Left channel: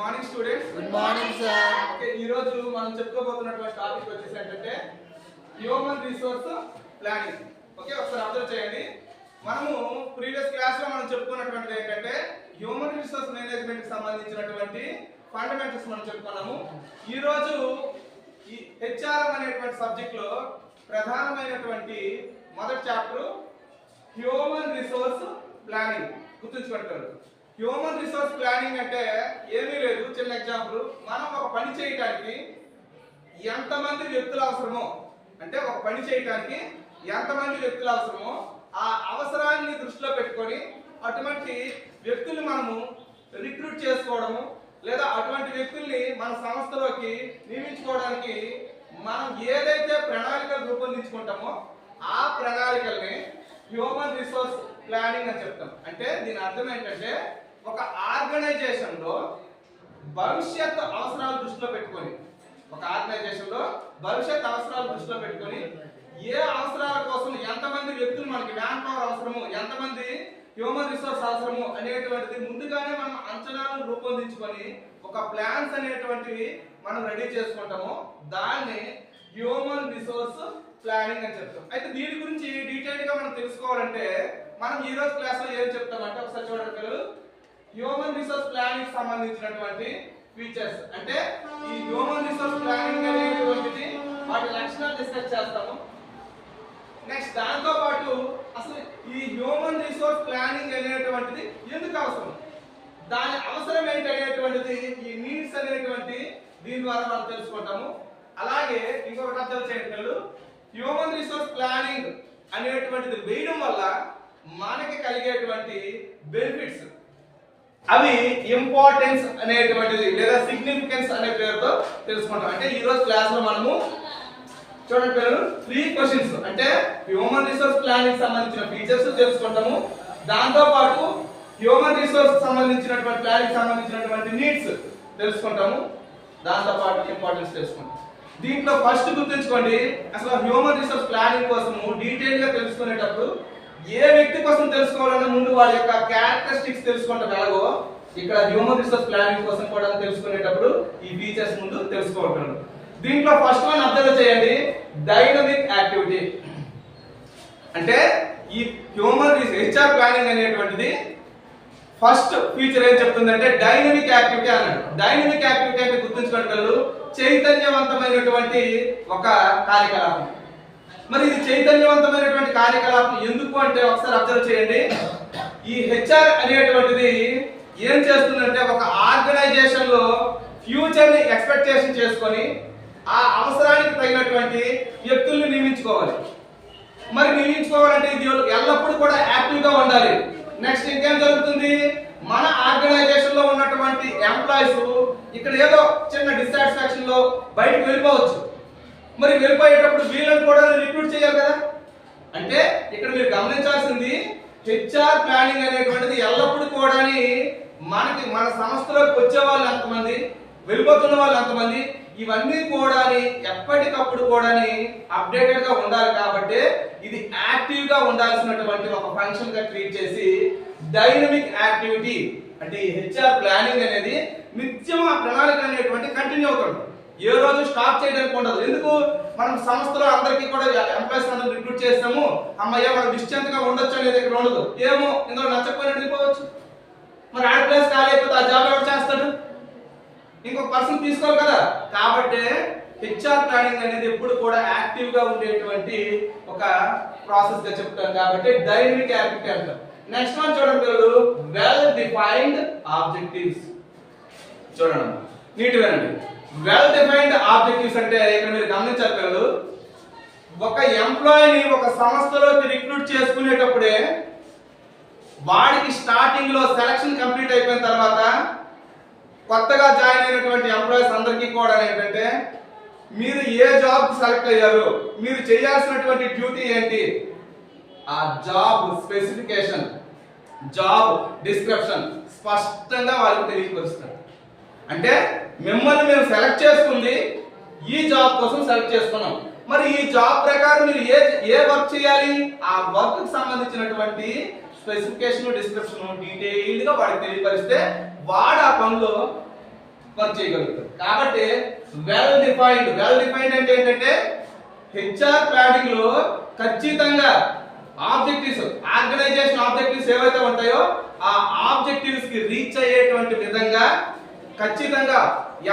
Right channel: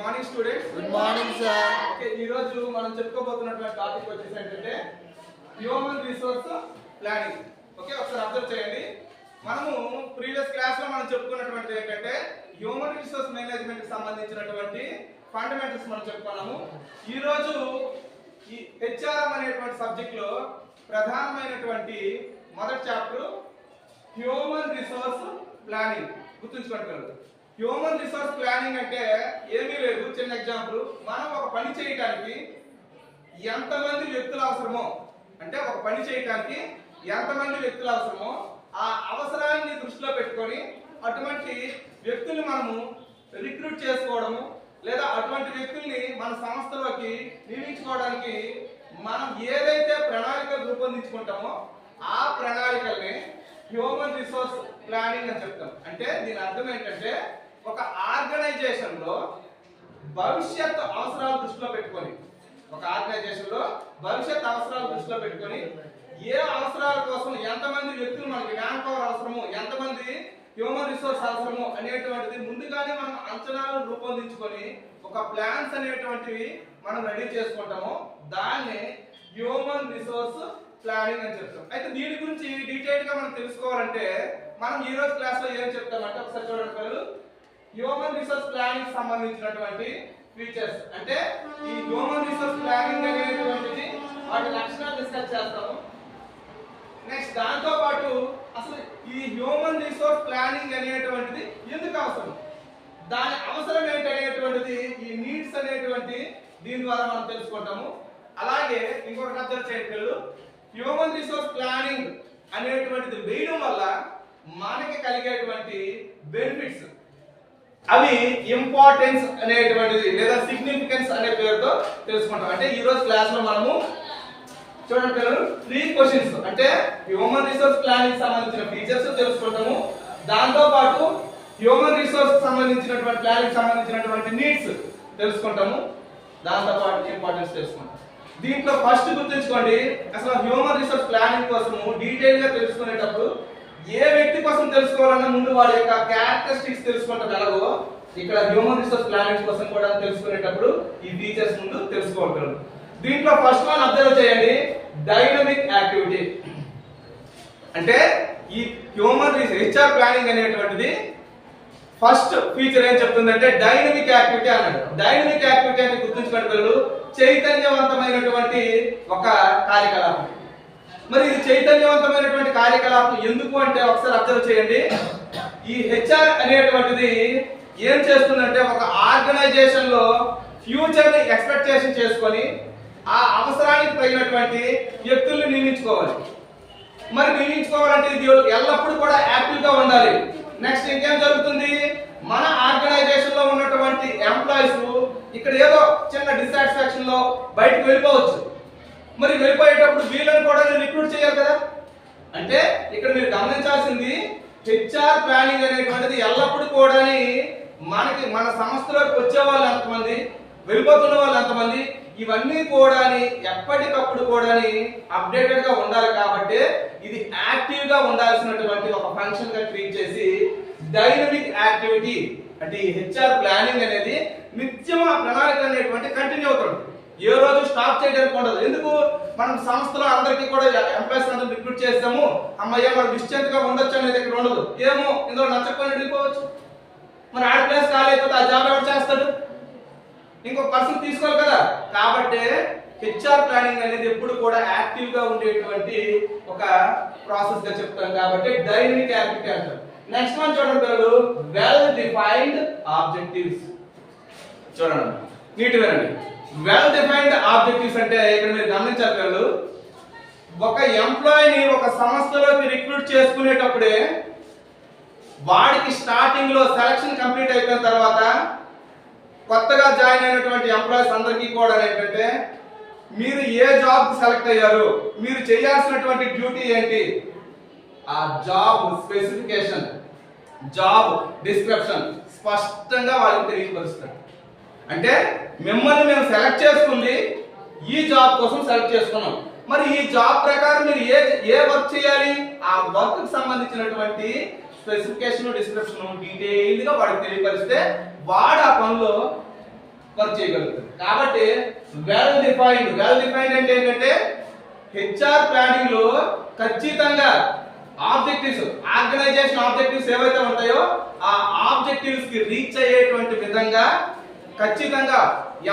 Morning students. Good morning sir. Okay, ఈ రోజు మనం చెప్పుకోబోతున్నటువంటి టాపిక్ వచ్చేసి ఏంటంటే హ్యూమన్ రిసోర్స్ ప్లానింగ్. ఓకే, ఒకసారి అబ్జర్వ్ చేయండి. మనము ప్రీవియస్ క్లాస్ లో మనం చెప్పుకున్నటువంటిది ఏంటంటే హ్యూమన్ రిసోర్స్ మేనేజ్మెంట్ కి సంబంధించినటువంటి ఫండమెంటల్స్ మనం చెప్పుకున్నాము. ఈ రోజు ఈ హెచ్ఆర్ఎం అనేటువంటి సబ్జెక్ట్ లో ప్రధానమైనటువంటి మొదటి చాప్టర్ హ్యూమన్ రిసోర్స్ ప్లానింగ్. గుర్తుంచుకుంటారు, హ్యూమన్ రిసోర్స్ ప్లానింగ్ అంటే ఏమీ లేదు. చిన్న ఎగ్జాంపుల్, మనం ఒక పని చేయడానికి ఎంతమంది వ్యక్తులు అవసరమో, అంటే ఒక పని చేయడానికి ఎంతమంది వ్యక్తులు అవసరమో ఆ అవసరాన్ని దృష్టిలో పెట్టుకొని అటువంటి వ్యక్తుల్ని మనము రిక్రూట్ చేసుకోవడము, లేదా అటువంటి వ్యక్తుల్ని మన సంస్థలోకి నియమించుకోవడానికి మనం ఏదైతే ప్రణాళికలు రూపొందించుకుంటామో ఆ ప్రణాళికల్ని హ్యూమన్ రిసోర్స్ ప్లానింగ్ అని చెప్తాం. అంటే దీని అర్థం ఏంటంటే ఒక ఆర్గనైజేషన్ లో భవిష్యత్ అవసరాలు దృష్టిలో పెట్టుకొని, ఒక ఆర్గనైజేషన్ లో భవిష్యత్ అవసరాలు దృష్టిలో పెట్టుకొని ఏ అవసరాల కోసం ఎంతమంది వ్యక్తులు మనకి మ్యాన్ పవర్ అవసరము, ఎంతమంది హ్యూమన్ రిసోర్స్ అవసరము అనేటువంటిది ముందుగానే మనం అంచనాలు రూపొందించుకొని ఒక ప్లాన్స్ అనేటువంటివి మనం రెడీ చేసుకుంటాము. దాన్ని హ్యూమన్ రిసోర్స్ ప్లానింగ్ అని చెప్తాం. అయితే దీని గురించి డీటెయిల్ గా మనం తెలుసుకోవాలంటే మనం ఈ రోజు క్లాస్ లో ఏం చెప్తామంటే ఒకసారి చూడండి పిల్లలు. హ్యూమన్ రిసోర్స్ ప్లానింగ్ సంబంధించినటువంటి ఫీచర్స్, అంటే ఈ హ్యూమన్ రిసోర్స్ ప్లానింగ్ అనేటువంటిది వాటి లక్షణాలు డిస్కస్ చేస్తాము. నెక్స్ట్ దాంతో పాటు అసలు ఈ హ్యూమన్ రిసోర్స్ ప్లానింగ్ అనేటువంటిది ఎందుకు అవసరం, దాని అవసరం ఏంటనేటువంటిది, ఈ నీడ్స్ అనేటువంటి దీని ద్వారా మనం తెలుసుకుంటాము. అలాగే ఇంకొకటి అబ్జర్వ్ చేయండి పిల్లలు, హ్యూమన్ రిసోర్స్ ప్లానింగ్ అనేటువంటిది వేయడం వల్ల మనకి కలిగేటువంటి బెనిఫిట్స్, అవి ఇంపార్టెన్స్ అనేటువంటిది లేదా సిగ్నిఫికెన్స్ అనే పేరుతో తెలుసుకుంటాం. అంటే ఈ రోజు క్లాస్ లో మనము చూడండి పిల్లలు 3 క్వశ్చన్స్, అంటే హ్యూమన్ రిసోర్స్ ప్లానింగ్ సంబంధించిన ఫీచర్స్ తెలుసుకుంటాము. దాంతో పాటు హ్యూమన్ రిసోర్స్ సంబంధించినటువంటి ప్లానింగ్ సంబంధించినటువంటి నీడ్స్ తెలుసుకుంటాము. దాంతో పాటు ఇంపార్టెన్స్ తెలుసుకుంటాం. దీంట్లో ఫస్ట్ గుర్తుంచుకోండి, అసలు హ్యూమన్ రిసోర్స్ ప్లానింగ్ కోసము డీటెయిల్ గా తెలుసుకునేటప్పుడు ఏ వ్యక్తి కోసం తెలుసుకోవాలన్నా ముందు వాడి యొక్క క్యారెక్టరిస్టిక్స్ తెలుసుకుంటాం. ఎలాగో ఇక్కడ హ్యూమన్ రిసోర్స్ ప్లానింగ్ కోసం కూడా తెలుసుకునేటప్పుడు ఈ ఫీచర్స్ ముందు తెలుసుకోవాలి. దీంట్లో ఫస్ట్ వన్ అబ్జర్వ్ చేయండి, డైనమిక్ యాక్టివిటీ. అంటే ఈ హ్యూమన్ హెచ్ఆర్ ప్లానింగ్ అనేటువంటిది ఫస్ట్ ఫీచర్ ఏం చెప్తుందంటే డైనమిక్ యాక్టివిటీ అన్నాడు. డైనమిక్ యాక్టివిటీ అంటే గుర్తుంచుకోండి పిల్లలు, చైతన్యవంతమైనటువంటి ఒక కార్యకలాపం. మరి ఇది చైతన్యవంతమైనటువంటి కార్యకలాపం ఎందుకు అంటే ఒకసారి అబ్జర్వ్ చేయండి. ఈ హెచ్ఆర్ అనేటువంటిది ఏం చేస్తుందంటే ఒక ఆర్గనైజేషన్ లో ఫ్యూచర్ ని ఎక్స్పెక్టేషన్ చేసుకొని ఆ అవసరానికి తగినటువంటి వ్యక్తుల్ని నియమించుకోవాలి. మరి నియమించుకోవాలంటే ఇది ఎల్లప్పుడూ కూడా యాక్టివ్ గా ఉండాలి. నెక్స్ట్ ఇంకేం జరుగుతుంది, మన ఆర్గనైజేషన్ లో ఉన్నటువంటి ఎంప్లాయీస్ ఇక్కడ ఏదో చిన్న డిస్సాటిస్ఫాక్షన్ లో బయటకు వెళ్ళిపోవచ్చు. మరి వెళ్ళిపోయేటప్పుడు వీళ్ళని కూడా రిక్రూట్ చేయాలి కదా. అంటే ఇక్కడ మీరు గమనించాల్సింది, హెచ్ఆర్ ప్లానింగ్ అనేటువంటిది ఎల్లప్పుడూ కూడా మనకి మన సంస్థలోకి వచ్చే వాళ్ళు ఎంతమంది, వెళ్ళిపోతున్న వాళ్ళు ఎంతమంది, ఇవన్నీ కూడా ఎప్పటికప్పుడు కూడా అప్డేటెడ్ గా ఉండాలి. కాబట్టి ఇది యాక్టివ్ గా ఉండాల్సినటువంటి ఒక ఫంక్షన్ గా ట్రీట్ చేసి డైనమిక్ యాక్టివిటీ, అంటే ఈ హెచ్ఆర్ ప్లానింగ్ అనేది నిత్యం ఆ ప్రణాళిక అనేటువంటి కంటిన్యూ అవుతుంది. ఏ రోజు స్టాప్ చేయడానికి ఉండదు. ఎందుకు, మనం సంస్థలో అందరికీ కూడా ఎంప్లాయీస్ అందరూ రిక్రూట్ చేస్తాము, అమ్మయ్య మనం డిస్టెంట్ గా ఉండొచ్చు అనేది ఇక్కడ ఉండదు. ఏమో ఇందులో నచ్చకపోయినట్టు వెళ్ళిపోవచ్చు. మరి ఆడ ప్లేస్ కాలేకపోతే ఆ జాబ్ ఎవరు చేస్తాడు, ఇంకొక పర్సన్ తీసుకోవాలి కదా. కాబట్టి హెచ్ఆర్ ప్లానింగ్ అనేది ఎప్పుడు కూడా యాక్టివ్ గా ఉండేటువంటి ఒక ప్రాసెస్ గా చెప్తాం. కాబట్టి డైనమిక్ యాక్టివిటీ అంటారు. నెక్స్ట్ వన్ చూడండి పిల్లలు, వెల్ డిఫైన్డ్ ఆబ్జెక్టివ్స్. చూడండి నీట్ వేనండి, వెల్ డిఫైన్డ్ ఆబ్జెక్టివ్స్ అంటే ఇక్కడ మీరు గమనించాలి పిల్లలు, ఒక ఎంప్లాయీని ఒక సంస్థలోకి రిక్రూట్ చేసుకునేటప్పుడే వాడికి స్టార్టింగ్ లో సెలక్షన్ కంప్లీట్ అయిపోయిన తర్వాత కొత్తగా జాయిన్ అయినటువంటి ఎంప్లాయీస్ అందరికీ కూడా ఏంటంటే మీరు ఏ జాబ్ కి సెలెక్ట్ అయ్యారు, మీరు చేయాల్సినటువంటి డ్యూటీ ఏంటి, ఆ జాబ్ స్పెసిఫికేషన్, జాబ్ డిస్క్రిప్షన్ స్పష్టంగా వాళ్ళకి తెలియపరుస్తారు. అంటే మిమ్మల్ని మేము సెలెక్ట్ చేసుకుంది ఈ జాబ్ కోసం సెలెక్ట్ చేసుకున్నాం, మరి ఈ జాబ్ ప్రకారం మీరు ఏ వర్క్ చేయాలి, ఆ వర్క్ కి సంబంధించినటువంటి స్పెసిఫికేషన్ డిస్క్రిప్షన్ డీటెయిల్డ్ గా వాడికి తెలియపరిస్తే వాడు ఆ పనిలో వర్క్ చేయగలుగుతారు. కాబట్టి వెల్ డిఫైన్డ్ అంటే ఏంటంటే హెచ్ఆర్ ప్లానింగ్ లో ఖచ్చితంగా ఆబ్జెక్టివ్స్, ఆర్గనైజేషన్ ఆబ్జెక్టివ్స్ ఏవైతే ఉంటాయో ఆ ఆబ్జెక్టివ్స్ కి రీచ్ అయ్యేటువంటి విధంగా ఖచ్చితంగా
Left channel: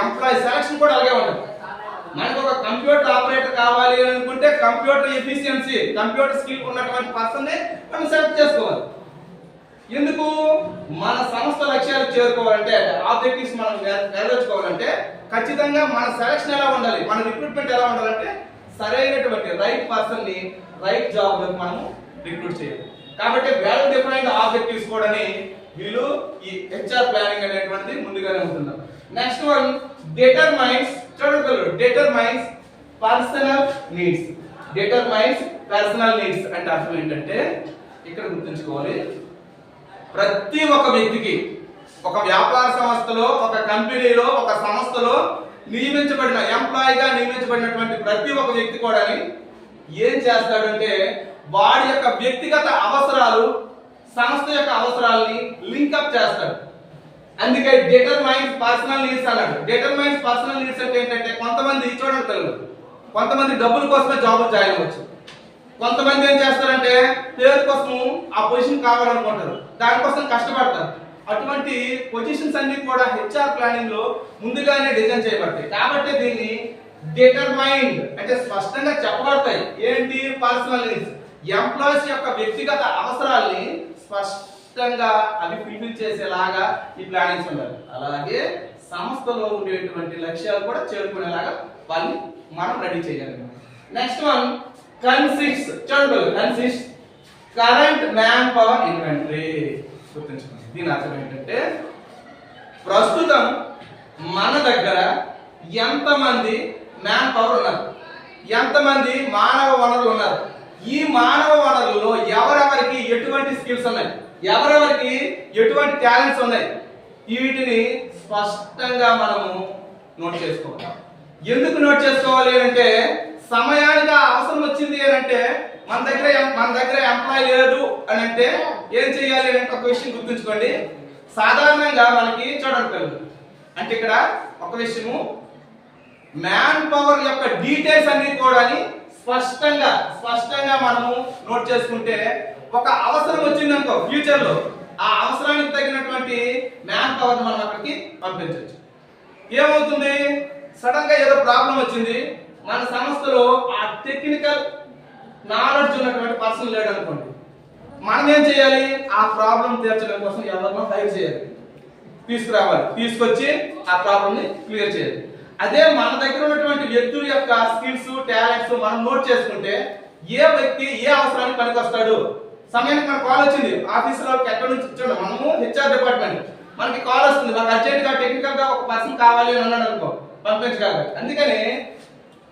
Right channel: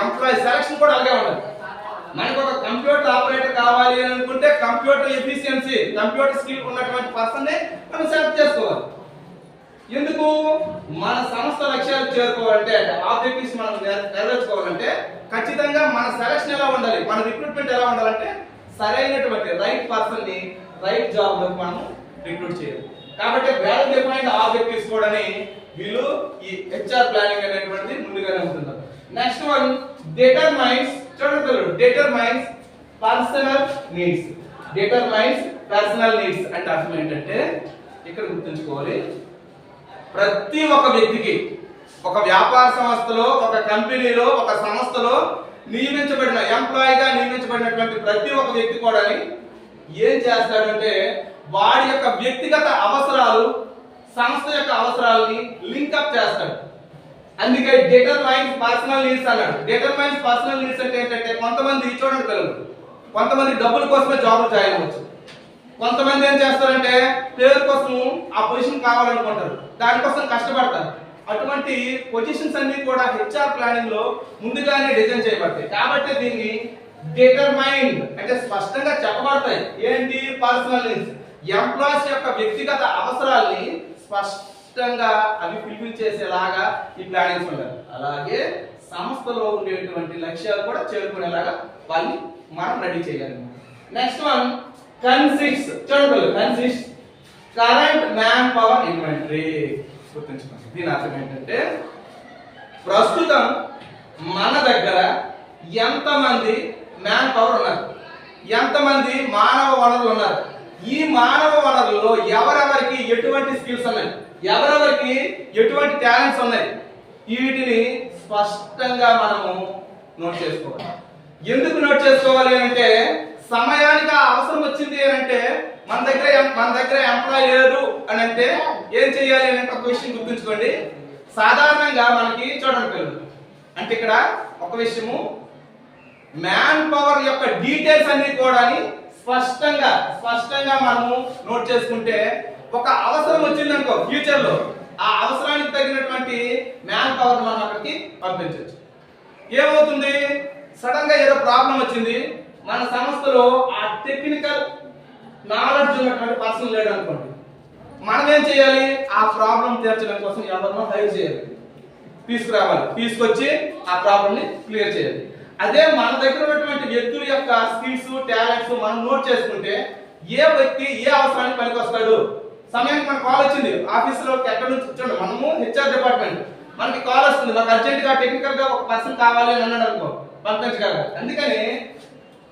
ఎంప్లాయీ సెలక్షన్ కూడా అలాగే ఉండాలి. మనకు ఒక కంప్యూటర్ ఆపరేటర్ కావాలి అని అనుకుంటే కంప్యూటర్ ఎఫిషియన్సీ, కంప్యూటర్ స్కిల్ ఉన్నటువంటి పర్సన్ ని మనం సెలెక్ట్ చేసుకోవాలి. ఎందుకు? మన సంస్థ లక్ష్యాలు చేరుకోవాలంటే, ఆబ్జెక్టివ్స్ మనం నెరవేర్చుకోవాలంటే ఖచ్చితంగా మన సెలక్షన్ ఎలా ఉండాలి, మన రిక్రూట్మెంట్ ఎలా ఉండాలంటే సరైనటువంటి రైట్ పర్సన్ ని రైట్ జాబ్ లోకి మనం రిక్రూట్ చేయాలి. కాబట్టి వెల్ డిఫైన్డ్ ఆబ్జెక్టివ్స్ కూడా వీళ్ళు ఈ హెచ్ఆర్ ప్లానింగ్ అనేటువంటిది ముందుగానే ఉంటుంది. Next one determines. చూడండి, determines personal needs. Determines personal needs అంటే అర్థం ఏంటంటే ఇక్కడ గుర్తుంచుకోవాలి, ప్రతి ఒక్క వ్యక్తికి ఒక వ్యాపార సంస్థలో, ఒక కంపెనీలో, ఒక సంస్థలో నియమించబడిన ఎంప్లాయీగా నియమించబడినటువంటి ప్రతి ఒక్క వ్యక్తి కూడా ఏం చేస్తాడంటే వాడి యొక్క వ్యక్తిగత అవసరాలు సంస్థ యొక్క అవసరాలని లింకప్ చేస్తాడు. అందుకే డిటర్మైన్స్ పర్సనల్ నీడ్స్ అన్నాడు. డిటర్మైన్స్ పర్సనల్ నీడ్స్ అంటే ఏంటంటే కొంతమంది చూడండి పిల్లలు, కొంతమంది డబ్బుల కోసమే జాబులు జాయిన్ అవ్వచ్చు. కొంతమంది ఏం చేస్తారంటే పేరు కోసం ఆ పొజిషన్ కావాలనుకుంటారు, దానికోసం కష్టపడతారు. అటువంటి పొజిషన్స్ అన్ని కూడా హెచ్ఆర్ ప్లానింగ్ లో ముందుగానే డిజైన్ చేయబడతాయి. కాబట్టి దీన్ని డిటర్మైన్డ్ అంటే స్పష్టంగా చెప్పబడతాయి. ఏంటి? పర్సనల్ నీడ్స్, ఎంప్లాయీస్ యొక్క వ్యక్తిగత అవసరాల్ని స్పష్టంగా అవి ఫుల్ఫిల్ చేసేలాగా ఈ ప్లానింగ్స్ ఉండాలి. అలాగే సంస్థలో ఉండేటువంటి లక్ష్యాలు కూడా చేరుకునేలాగా వాళ్ళని మనం రెడీ చేయగలం. Next one consist. చూడండి, consist current man power inventory. గుర్తుంచుకోండి, దీని అర్థం ఏంటంటే ప్రస్తుతం మన దగ్గర ఎంతమంది మ్యాన్ పవర్ ఉన్నారు, ఎంతమంది మానవ వనరులు ఉన్నారు, ఈ మానవ వనరుల్లో ఎవరెవరికి ఎటువంటి స్కిల్స్ ఉన్నాయి, ఎవరెవరికి ఎటువంటి టాలెంట్స్ ఉన్నాయి, వీటిని స్పష్టంగా మనము నోట్ చేసుకోవాలి. ఎందుకు నోట్ చేసుకోవాలి అంటే సమయానికి అవసరం వచ్చింది అని అంటే మన దగ్గర ఎంప్లాయ్ లేరు అని అంటే ఏం చేయాలి అని అంటే ఒక విషయం గుర్తుంచుకోండి. సాధారణంగా మనకి చూడండి పిల్లలు, అంటే ఇక్కడ ఒక విషయము మ్యాన్ పవర్ యొక్క డీటెయిల్స్ అన్ని కూడా స్పష్టంగా మనము నోట్ చేసుకుంటే ఒక అవసరం వచ్చింది అనుకో ఫ్యూచర్ లో, ఆ అవసరానికి తగినటువంటి మ్యాన్ పవర్ మనం అక్కడికి పంపించవచ్చు. ఏమవుతుంది, సడన్ గా ఏదో ప్రాబ్లం వచ్చింది, మన సంస్థలో ఆ టెక్నికల్ నాలెడ్జ్ ఉన్నటువంటి పర్సన్ లేడు అనుకోండి, మనం ఏం చేయాలి? ఆ ప్రాబ్లం తీర్చడం కోసం ఎవరినో హైర్ చేయాలి, తీసుకురావాలి, తీసుకొచ్చి ఆ ప్రాబ్లం ని క్లియర్ చేయాలి. అదే మన దగ్గర ఉన్నటువంటి వ్యక్తుల యొక్క స్కిల్స్, టాలెంట్స్ మనం నోట్ చేసుకుంటే ఏ వ్యక్తి ఏ అవసరానికి పనికొస్తాడు. సమయానికి మనకు కాల్ వచ్చింది ఆఫీసులో, ఎక్కడి నుంచి చూడండి, మనము హెచ్ఆర్ డిపార్ట్మెంట్, మనకి కాల్ వస్తుంది, మనకు అర్జెంట్ గా టెక్నికల్ గా ఒక పర్సన్ కావాలి అని అన్నాడు అనుకో, పంపించగలరు. అందుకని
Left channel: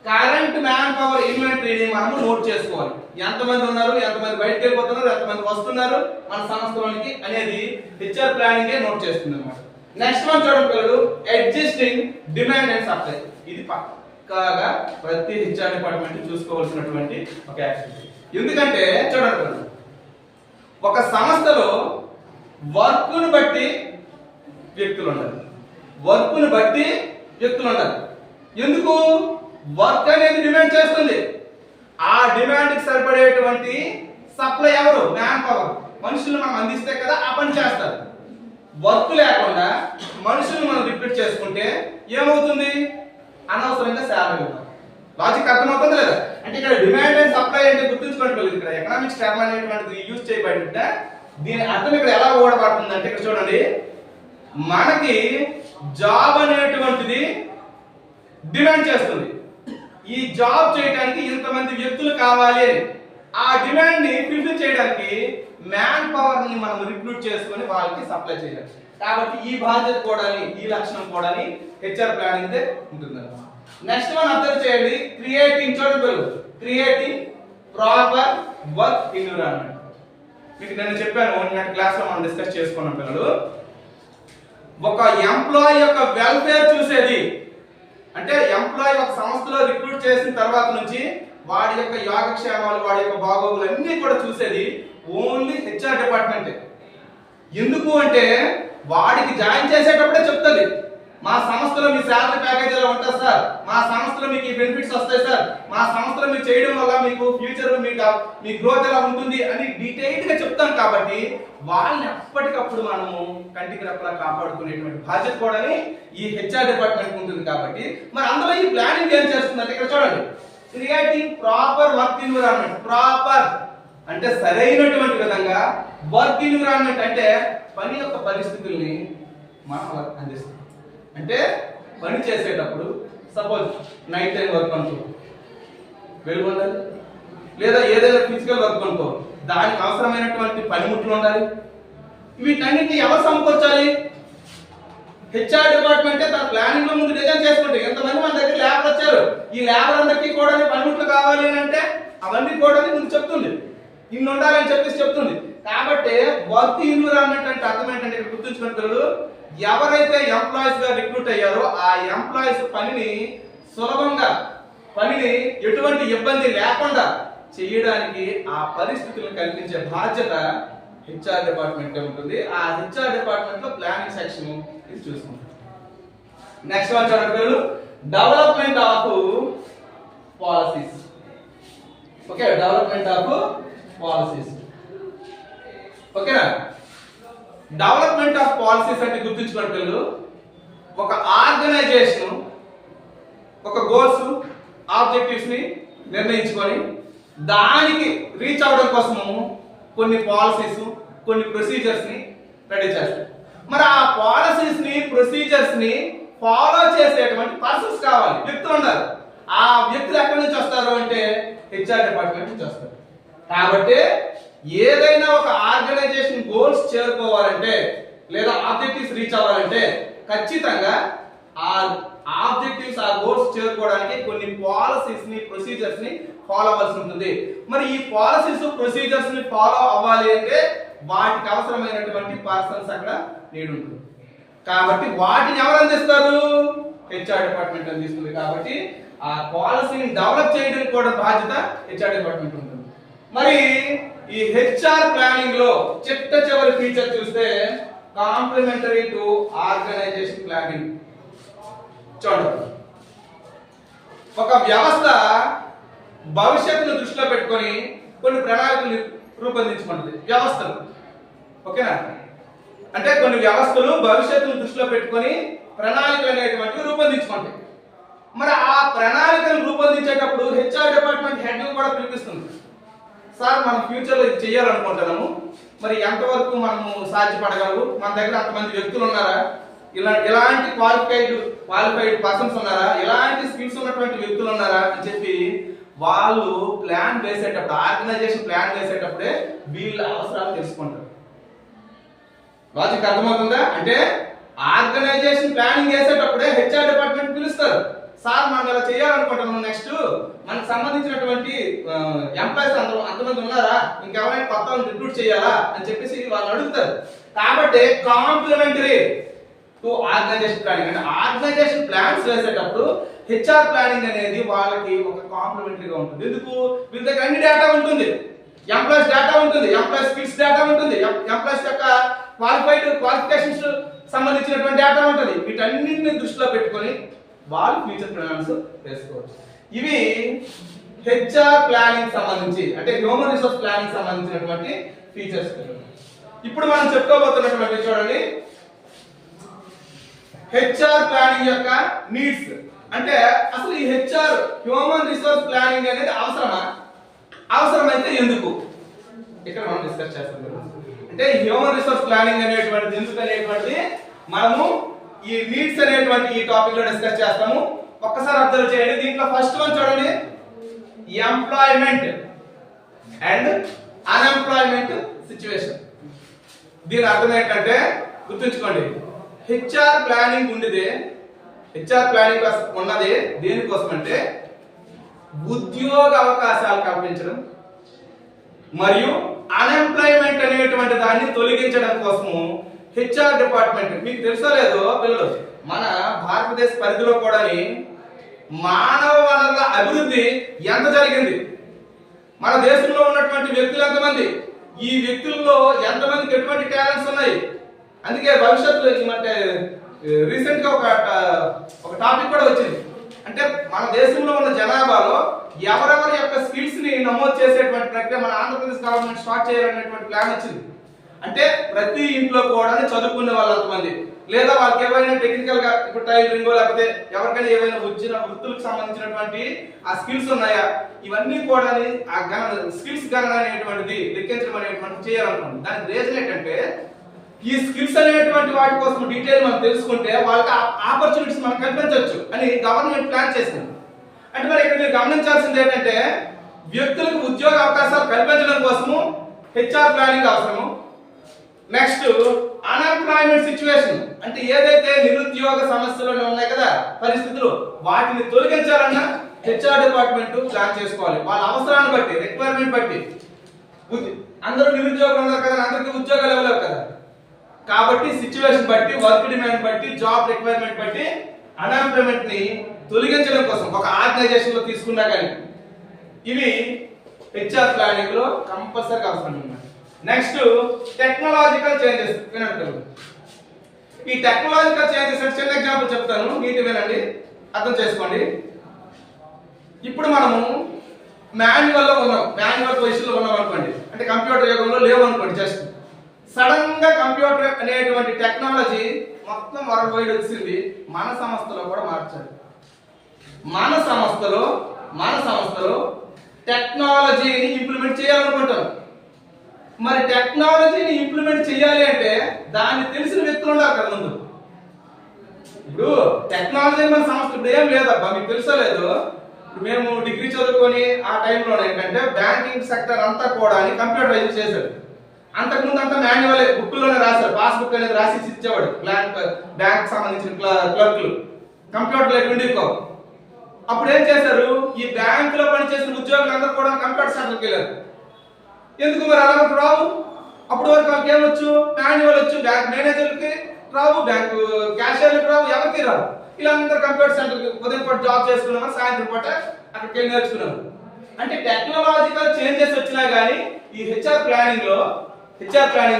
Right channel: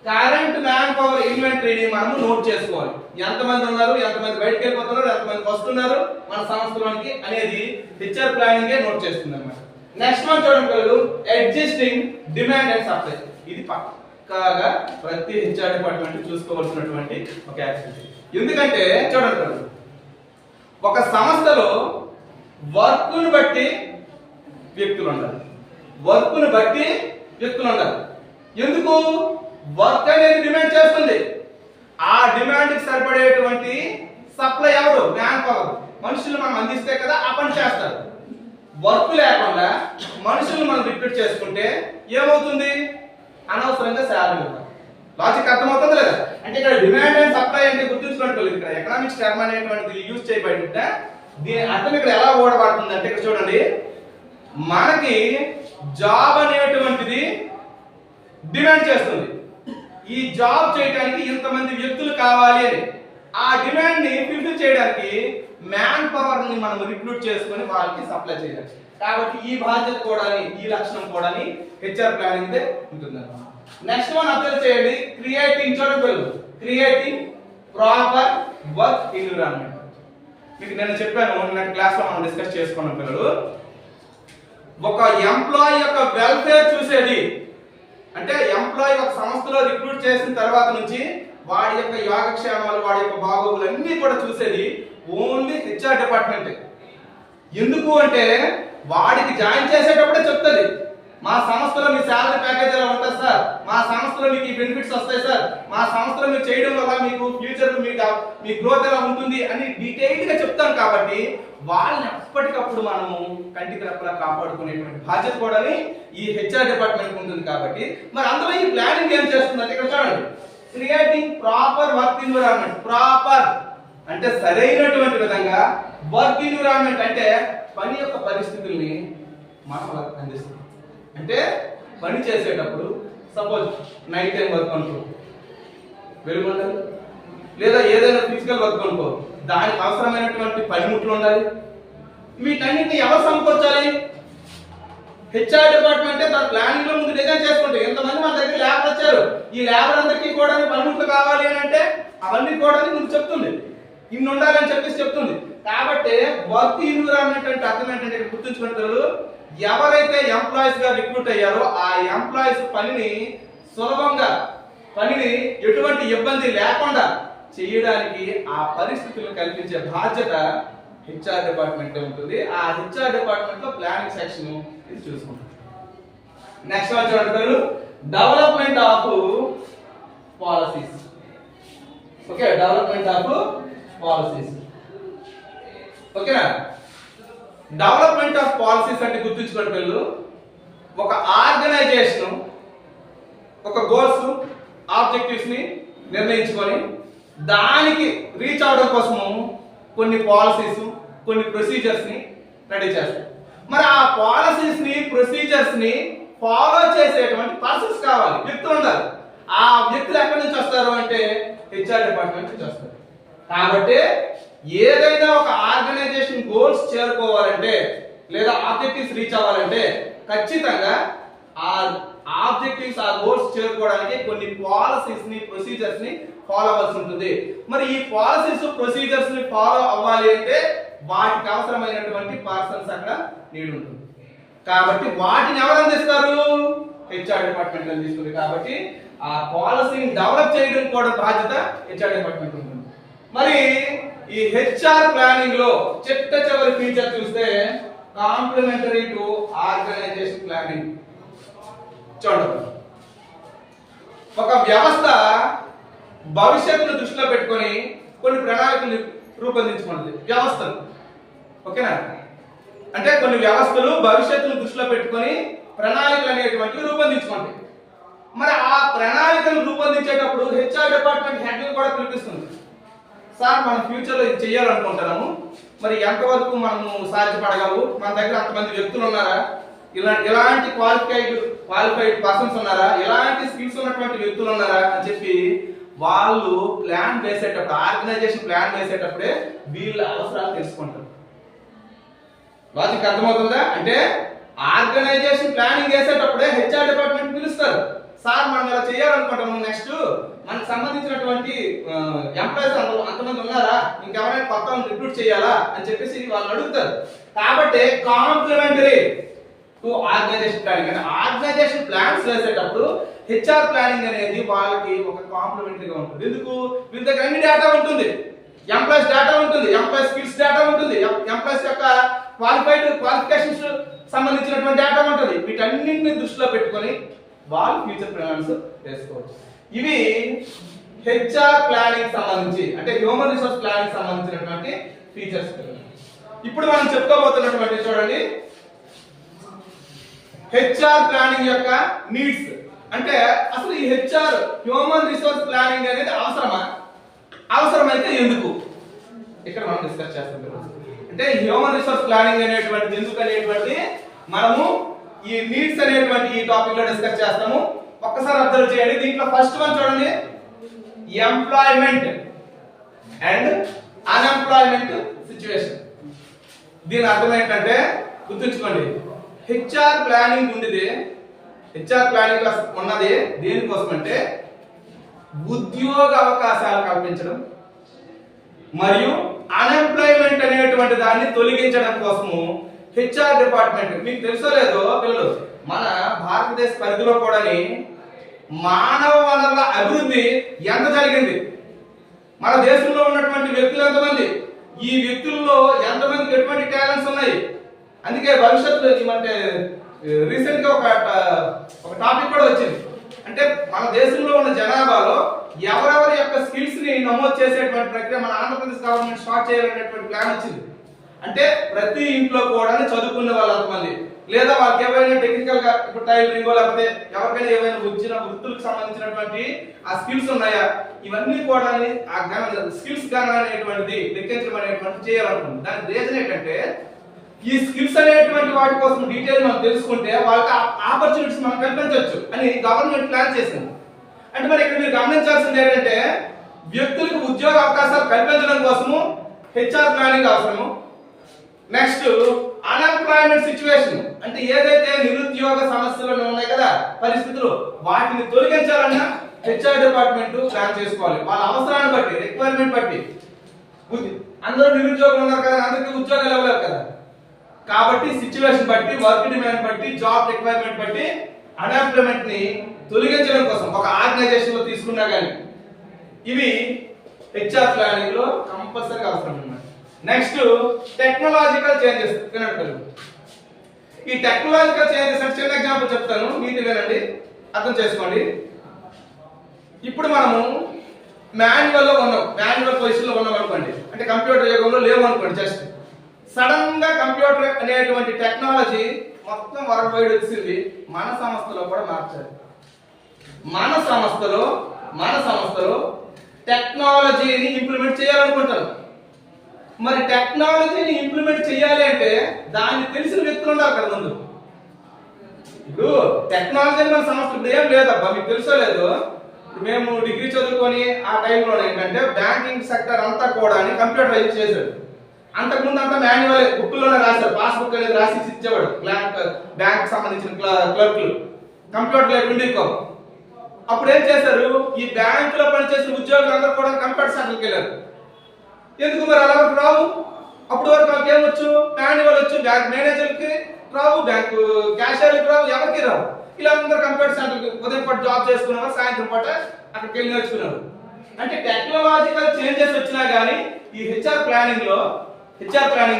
కరెంట్ మ్యాన్ పవర్ ఇన్వెంటరీని మనము నోట్ చేసుకోవాలి. ఎంతమంది ఉన్నారు, ఎంతమంది బయటకు వెళ్ళిపోతున్నారు, ఎంతమంది వస్తున్నారు మన సంస్థలోనికి అనేది హెచ్ఆర్ ప్లానింగ్ నోట్ చేస్తుంది అన్నమాట. నెక్స్ట్ వన్ చూడండి పిల్లలు, అడ్జస్టింగ్ డిమాండ్ అండ్ సప్లై. ఇది పక్కాగా ప్రతి హెచ్ఆర్ డిపార్ట్మెంట్ చూసుకోవాల్సినటువంటి ఒక యాక్టివిటీ. ఎందుకంటే చూడండి పిల్లలు, ఒక సంస్థలో వర్క్ను బట్టి వ్యక్తులు ఉండాలి, వర్క్ను బట్టి వ్యక్తులు ఉండాలి. ఎందుకు? వర్క్ అనేది డిమాండ్ చేస్తుంది, ఆ డిమాండ్ కి సరిపడేటువంటి సప్లై ఎవరు? Man power. మనుషులు మనం అందిస్తే కదా ఆ పని చేస్తారు. వర్క్ లేకుండా మనుషులను మనం రిక్రూట్ చేసుకుంటే ఏమవుతుంది? అనవసరంగా శాలరీ ఇవ్వాలి. లాజిక్ అర్థమవుతుంది లేదా? అంటే ఇక్కడ డిమాండ్ అండ్ సప్లై అంటే గుర్తుంచుకోండి, ఇక్కడ ఎకనామిక్స్ టర్మ్ అనేటువంటిది యూజ్ చేయబడింటే దీని అర్థం ఇక్కడ ఎలా ఓడబడుతుంది అంటే ఇక్కడ చూడండి, మనకి జాబ్ అనేటువంటిది డిమాండ్ చేస్తుంది, ఈ జాబ్ చేయడానికి ఇంతమంది వ్యక్తులు కావాలి అని. ఆ డిమాండ్ ని ఫుల్ఫిల్ చేయడానికి మ్యాన్ పవర్ ని మనం రిక్రూట్ చేసుకొని వాళ్ళకి సప్లై చేయాలి. కాబట్టి ఈ బాధ్యత కూడా, ఈ లక్షణం కూడా హెచ్ఆర్ ప్లానింగ్ ఉంటుంది. నెక్స్ట్ వన్ అబ్జర్వ్ చేయండి, క్రియేటింగ్. చూడండి, క్రియేటింగ్ ప్రాపర్ వర్క్ ఎన్విరాన్మెంట్. మీకు నేను చెప్పాను, నిన్నటి క్లాస్ లో మనం డిస్కస్ చేసుకున్నాం పిల్లలు. ఒక ఎంప్లాయీ యొక్క వెల్ఫేర్ చూసేది అంటే ఎంప్లాయీ ఒక సంస్థలో రిక్రూట్ చేసిన తర్వాత నుంచి వాడి యొక్క యోగక్షేమాలు, వాడి యొక్క బాగోగులు అన్ని కూడా చూసేది ఓన్లీ హెచ్ఆర్ డిపార్ట్మెంట్. ఎందుకు అంటే వాడికి జాయిన్ చేసేటప్పుడే చెప్తుంది మా సంస్థలో మీ శాలరీ ప్యాకేజ్ ఎలా ఉంటుంది సార్, మా సంస్థలో మీకు ఈ బెనిఫిట్స్ వస్తాయి సార్, మా సంస్థలో మీరు చేయడం వల్ల మీకు ఫ్యూచర్ మీ గ్రోత్ ఎలా ఉంటుంది అని డీటెయిల్డ్ గా చెప్తాం. కాబట్టి వాళ్ళని ఎప్పటికప్పుడు మనము కంటికి రెప్పలా కాపాడుకునేటువంటి బాధ్యత కూడా ఈ హెచ్ఆర్ డిపార్ట్మెంట్ ఉంటుంది. కాబట్టి మరి అందులో ఈ ప్లానింగ్ ఏం చేస్తుందంటే ఇక్కడ చూడండి, creating proper work environment. Proper అంటే సరైనటువంటి విధంగా, వర్క్ ఎన్విరాన్మెంట్ అంటే పని యొక్క పరిస్థితుల్ని మనం అలా అందిస్తాం. అంటే పని చేసేటప్పుడు సపోజ్ నైట్ టైం వర్క్ అనుకో, వెలుగు ఉండాలి, లేదా ఏదైనా ఫిజికల్ వర్క్ అనుకో, దానికి అవసరమైనటువంటి పనిముట్లు ఉండాలి. వీటన్నిటిని ఎవరు సమకూర్చాలి? హెచ్ఆర్ డిపార్ట్మెంటే తన ప్లానింగ్ లో ముందు డిజైన్ చేసుకుంటే, ఎంతమంది మన దగ్గర లేబర్ వచ్చారు, ఈ లేబర్ అందరికీ కూడా పనిముట్లు కావాలి అని అంటే అవన్నీ కూడా ముందు చెప్తుంది, ఇన్ని ఉండాలని చెప్పేసి చెప్తుంది. కాబట్టి వర్క్ ఎన్విరాన్మెంట్ అంటే అర్థం ఏంటంటే ఇక్కడ గుర్తుంచుకుంటారు, ఎవరైతే ఎంప్లాయీస్ గా రిక్రూట్ అయ్యారో ఆ ఎంప్లాయీస్ పనిని సులభంగా, పనిని ఎటువంటి ఇబ్బంది లేకుండా చేయడానికి ఆ పరిస్థితులను కల్పించే బాధ్యత హెచ్ఆర్ డిపార్ట్మెంట్ ఉంటుంది. ఆ హెచ్ఆర్ డిపార్ట్మెంట్ లో ప్లానింగ్ సెక్షన్ ఇది చూసుకుంటాం. నెక్స్ట్ వన్ చూడండి, development of policies. Okay, development of policies. ఓకేనా? డెవలప్మెంట్ ఆఫ్ పాలసీస్ అంటే గుర్తుంచుకోండి పిల్లలు, ఒక ఆర్గనైజేషన్ ఒక గోల్స్ ఆబ్జెక్టివ్స్ ని నిర్ణయించుకొని దానికి రీచ్ అవడం కోసము కొన్ని పాలసీస్, కొన్ని ప్రొసీజర్స్ ని రెడీ చేస్తాయి. మరి ఆ పాలసీస్ ని, ప్రొసీజర్స్ ని ఫాలో చేసేటువంటి పర్సన్స్ కావాలి, వ్యక్తులు ఉండాలి. ఆ వ్యక్తులు ఎక్కడి నుంచి వస్తారు అంటే హెచ్ఆర్ డిపార్ట్మెంట్ నుంచి వస్తారు. కాబట్టి ఏదైనా ఒక ఆర్గనైజేషన్ గోల్స్ చేరుకోవాలంటే లేదా ఆబ్జెక్టివ్స్ రీచ్ అవ్వాలంటే ఖచ్చితంగా ఆ ఆబ్జెక్టివ్స్, ఆ గోల్స్ చేరుకోవడానికి కొన్ని పాలసీస్ ని, ప్రొసీజర్స్ ని ఫాలో అవ్వాల్సి ఉంటుంది. మరి ఈ పాలసీస్, ప్రొసీజర్స్ ని ఫాలో అవ్వాలి అంటే వాటికి అవసరమైనటువంటి పర్సన్స్ అక్కడ నీడ్ ఉంటుంది. కాబట్టి వాటిని ఎవరు అందిస్తారు? హెచ్ఆర్ డిపార్ట్మెంట్ అందిస్తుంది. కాబట్టి ఆ పాలసీని డెవలప్ చేయడం కూడా బాధ్యత హెచ్ఆర్ డిపార్ట్మెంట్ ఉంటుంది. మరి ఈ హెచ్ఆర్ ప్లానింగ్ లో చిట్ట చివరి ఫీచర్ చూస్తే కాంప్లిమెంటరీ టు ఆర్గనైజేషన్ ప్లానింగ్. చూడండి, ఒక వ్యవస్థ భవిష్యత్తును దృష్టిలో పెట్టుకొని కొన్ని ప్రణాళికలు రూపొందించుకుంటుంది. వ్యవస్థలు, ఓకేనా? అంటే కొన్ని వ్యవస్థలు భవిష్యత్తును దృష్టిలో పెట్టుకొని ప్రణాళికలు అనేటువంటివి రూపొందించుకుంటాయి. మరి ఆ ప్రణాళికలు రూపొందించేటప్పుడు హెచ్ఆర్ డిపార్ట్మెంట్ హెడ్ కూడా పిలిపిస్తుంది. సార్, మనం ఫ్యూచర్ లో ఇది చేయాలనుకుంటున్నాము, మరి ఎంతవరకు మనము సాధ్యపడగలవు, మన దగ్గర అంతమంది వ్యక్తులు ఉన్నారా, ఇలాంటి క్వాలిఫైడ్ పర్సన్స్ ఉన్నారా, ఎలాంటి స్కిల్స్ ఉన్నటువంటి వ్యక్తులు ఉన్నారా అని చెప్పి వాళ్ళు ప్లాన్ వేసేటప్పుడు, ఆర్గనైజేషన్ ప్లాన్ వేసేటప్పుడే వీళ్ళ అవసరాలు తెలుసుకుంటారు. లాజిక్ అర్థమవుతుందా? అంటే ఆర్గనైజేషన్ ప్లానింగ్ చేసేటప్పుడే హెచ్ఆర్ డిపార్ట్మెంట్ పిలుస్తారు. సార్, మనం ఇలా చేయాలనుకుంటున్నాము, నెక్స్ట్ మనకు సంబంధించినటువంటి ఎంప్లాయీస్ అంతమంది ఉన్నారా, ఇంకెవరైనా కొత్త రిక్రూట్ చేయాలా అని చెప్పేసి వాళ్ళు అడుగుతారు. కాబట్టి కాంప్లిమెంటరీ టు ఆర్గనైజేషన్ ప్లానింగ్, అంటే ఆర్గనైజేషన్ ప్లాన్స్ వేసేటప్పుడు హెచ్ఆర్ ప్లానింగ్ అనేది వాళ్ళకి ఒక కాంప్లిమెంటరీగా ఉంటుంది. ఎందుకు? వీళ్ళ దగ్గర అన్ని డేటా ఉంటుంది, ఎంప్లాయీస్ డేటా ఉంటుంది, ఎంప్లాయీస్ స్కిల్స్ డేటా ఉంటుంది, ఎంప్లాయీస్ యొక్క క్వాలిఫికేషన్స్ సంబంధించినటువంటి డేటా ఉంటుంది. వీటన్నింటిని దృష్టిలో పెట్టుకొని వాళ్ళు ఫ్యూచర్ ప్లాన్స్ వేసుకోవచ్చు. ఇవి హెచ్ఆర్ ప్లానింగ్ సంబంధించి, అంటే హ్యూమన్ రిసోర్స్ ప్లానింగ్ సంబంధించినటువంటి ఫీచర్స్. ఇప్పుడు మనం చెప్పుకోబోతున్నటువంటి చూడండి, హెచ్ఆర్ ప్లానింగ్ యొక్క నీడ్స్. అంటే అసలు ఈ హెచ్ఆర్ హ్యూమన్ రిసోర్స్ ప్లానింగ్ అనేది అవసరమా, అవసరమైతే ఎందుకు, ఇక్కడ మనం డిస్కస్ చేస్తాం. అంటే హ్యూమన్ రిసోర్స్ ప్లానింగ్ అనేటువంటిది ఎందుకు అనేటువంటి మనము ఈ నీడ్స్ అనేటువంటి ఈ టాపిక్ లో డిస్కస్ చేస్తాము. ఒక్కసారి అబ్జర్వ్ చేయండి. దీంట్లో ఫస్ట్ వన్ చూడండి, ఎంప్లాయ్మెంట్ అండ్ అన్ఎంప్లాయ్మెంట్ సిచ్యువేషన్. దీని అర్థం ఏంటంటే గుర్తుంచుకోండి, హెచ్ఆర్ ప్లానింగ్ ఉండేది, హెచ్ఆర్ ప్లానింగ్ ఉన్నది దేనికోసం అంటే ఉద్యోగ అవకాశాలు కల్పించడం మరియు అన్ఎంప్లాయ్మెంట్ అనేటువంటి దాన్ని తొలగించడం కోసము హెచ్ఆర్ డిపార్ట్మెంట్. మీకు తెలుసో లేదో పిల్లలు, మన భారతదేశ పరిధిలో కూడా మానవ వనరుల అభివృద్ధి ఎంత జరిగింది, మన దేశంలో ఉన్నటువంటి వ్యక్తులు ఎంతమంది, ఈ వ్యక్తుల్లో ఎంతమందికి ఎటువంటి టాలెంట్స్ ఉన్నాయి. అందుకే భవిష్యత్తులో అంటే రీసెంట్ గా ఒక టాపిక్ కూడా వచ్చింది. అంటే మన దేశంలో ఉన్న జనాభాలో ఎవరెవరి యొక్క స్కిల్స్ ని నమోదు చేసేటువంటి ప్రక్రియ మన ఆంధ్రప్రదేశ్ గవర్నమెంట్ స్టార్ట్ చేయాలనేటువంటి ప్లాన్ వచ్చింది. అంటే ప్రతి ఇంట్లో కూడా చదువుకునే వాళ్ళు అంతమంది, లేదా వాళ్ళకి ఏవైనా టెక్నికల్ గా ఇప్పుడు టైలరింగ్ లేకపోతే ఎవరికైనా ఏవైనా వచ్చిన వృత్తులకు సంబంధించినటువంటి ఆ స్కిల్స్ ఉన్నాయా, ఇవన్నీ కూడా ఆ స్కిల్స్ గణన అనేటువంటిది లెక్కించడం అనేటువంటి చేయాలనుకుంది. దానికి రీజన్ ఏంటంటే ఈ స్కిల్స్ అనేటువంటి వాటి కోసం డీటెయిల్ మనం తెలుసుకుంటే వాళ్ళకి ఆపర్చునిటీస్ మనం కల్పించవచ్చు అని గవర్నమెంట్ ప్లాన్ చేసింది. అంటే మరి ఇక్కడ మీరు గమనించాల్సింది ఏంటంటే వ్యక్తులకు ఉద్యోగ అవకాశాలు కల్పించడం కోసము హెచ్ఆర్ ప్లానింగ్ అవసరము. నెక్స్ట్ అన్ఎంప్లాయ్మెంట్ సిచ్యువేషన్, అంటే ఏదైతే నిరుద్యోగ సమస్యలు ఉన్నాయి కదా పరిస్థితులు, వాటిని తొలగించాలన్నా హెచ్ఆర్ డిపార్ట్మెంట్ ప్లాన్ చేసుకోవాలి. వాళ్ళ అవసరాన్ని బట్టి రిక్వైర్మెంట్ బట్టి. అందరూ నిరుద్యోగులు ఉన్నారు కదా, అందరికీ ఉద్యోగాలు ఇవ్వలేవు కదా, కాబట్టి సిచ్యువేషన్ బట్టి వర్క్ డిమాండ్ బట్టి జాబ్ రిక్వైర్మెంట్ బట్టి అన్ఎంప్లాయ్మెంట్ ని తొలగించడం కోసం ఒక ఆర్గనైజేషన్ లో తీసుకున్నా కానీ ఇవి హెచ్ఆర్ ప్లానింగ్ లో కంపల్సరీగా అవసరం అన్నమాట. నెక్స్ట్ టెక్నాలజికల్ చేంజెస్ వినండి. ఈ టెక్నాలజికల్ చేంజెస్ అంటే చిన్న ఎగ్జాంపుల్ చెప్తాను, నీటి వినండి, అర్థం చేసుకోండి. ఇప్పుడు మనము మాన్యువల్ లో ఉన్నాం, మాన్యువల్ పొజిషన్ లో ఉన్నాం అనుకోండి, అంటే కంప్యూటర్ యుగంలో లేవు అనుకోండి. జస్ట్ సడన్ గా కంప్యూటర్ అనేటువంటి టెక్నాలజీ మొత్తం వరల్డ్ వైడ్ వచ్చింది, మన సంస్థలో కూడా మార్చారు. మన సంస్థలో టెక్నాలజీని ఇంప్లిమెంట్ చేయాలనుకుంటారు. మరి టెక్నాలజీని ఇంప్లిమెంట్ చేయాలి అంటే దాన్ని తెలిసిన వ్యక్తులు ఉండాలి కదా ముందు. ఇప్పుడు టెక్నాలజీ మన సంస్థ ఇప్పుడు ఏం లేదబ్బా, మీకు తెలుసో లేదు, మేము డిగ్రీ చదువుకొని ఆ టైంలో ఏంటంటే బ్యాంకింగ్ సెక్టర్ అంతా కూడా కంప్యూటరైజ్ చేశాడు. అంతకుముందు అంతా మాన్యువల్ బుక్లోనే రాశారు, పాస్బుక్ అనేది రాసి ఇచ్చేవాడు బ్యాంక్ సంబంధించిన క్లర్క్లు, కంప్యూటర్ లేక ఉండేకోవు. అప్పుడు ఏం చేశారు, ఈ బ్యాంకులో పనిచేసిన ఉద్యోగులు అందరూ కూడా కంప్యూటర్ సెంటర్కి వెళ్ళారు. ఎందుకు మరి అలా రావు? అప్పుడు వరకు మాకు ఏమొచ్చు, మాన్యువల్ వచ్చు, బ్యాంక్ మేనేజర్కి రావు, బ్యాంకు క్యాషియర్లకు రావు, ఎవరికి రావు. ఇలా అందరూ కంప్యూటర్ సెంటర్కి ఉదయం పూట జాబ్ చేసుకునేవారు, సాయంత్రం పూట అక్కడికి వెళ్ళి నేర్చుకునేవారు. అంటే టెక్నాలజికల్ చేంజెస్ వచ్చినా కానీ ఈ హెచ్ఆర్ ప్లానింగ్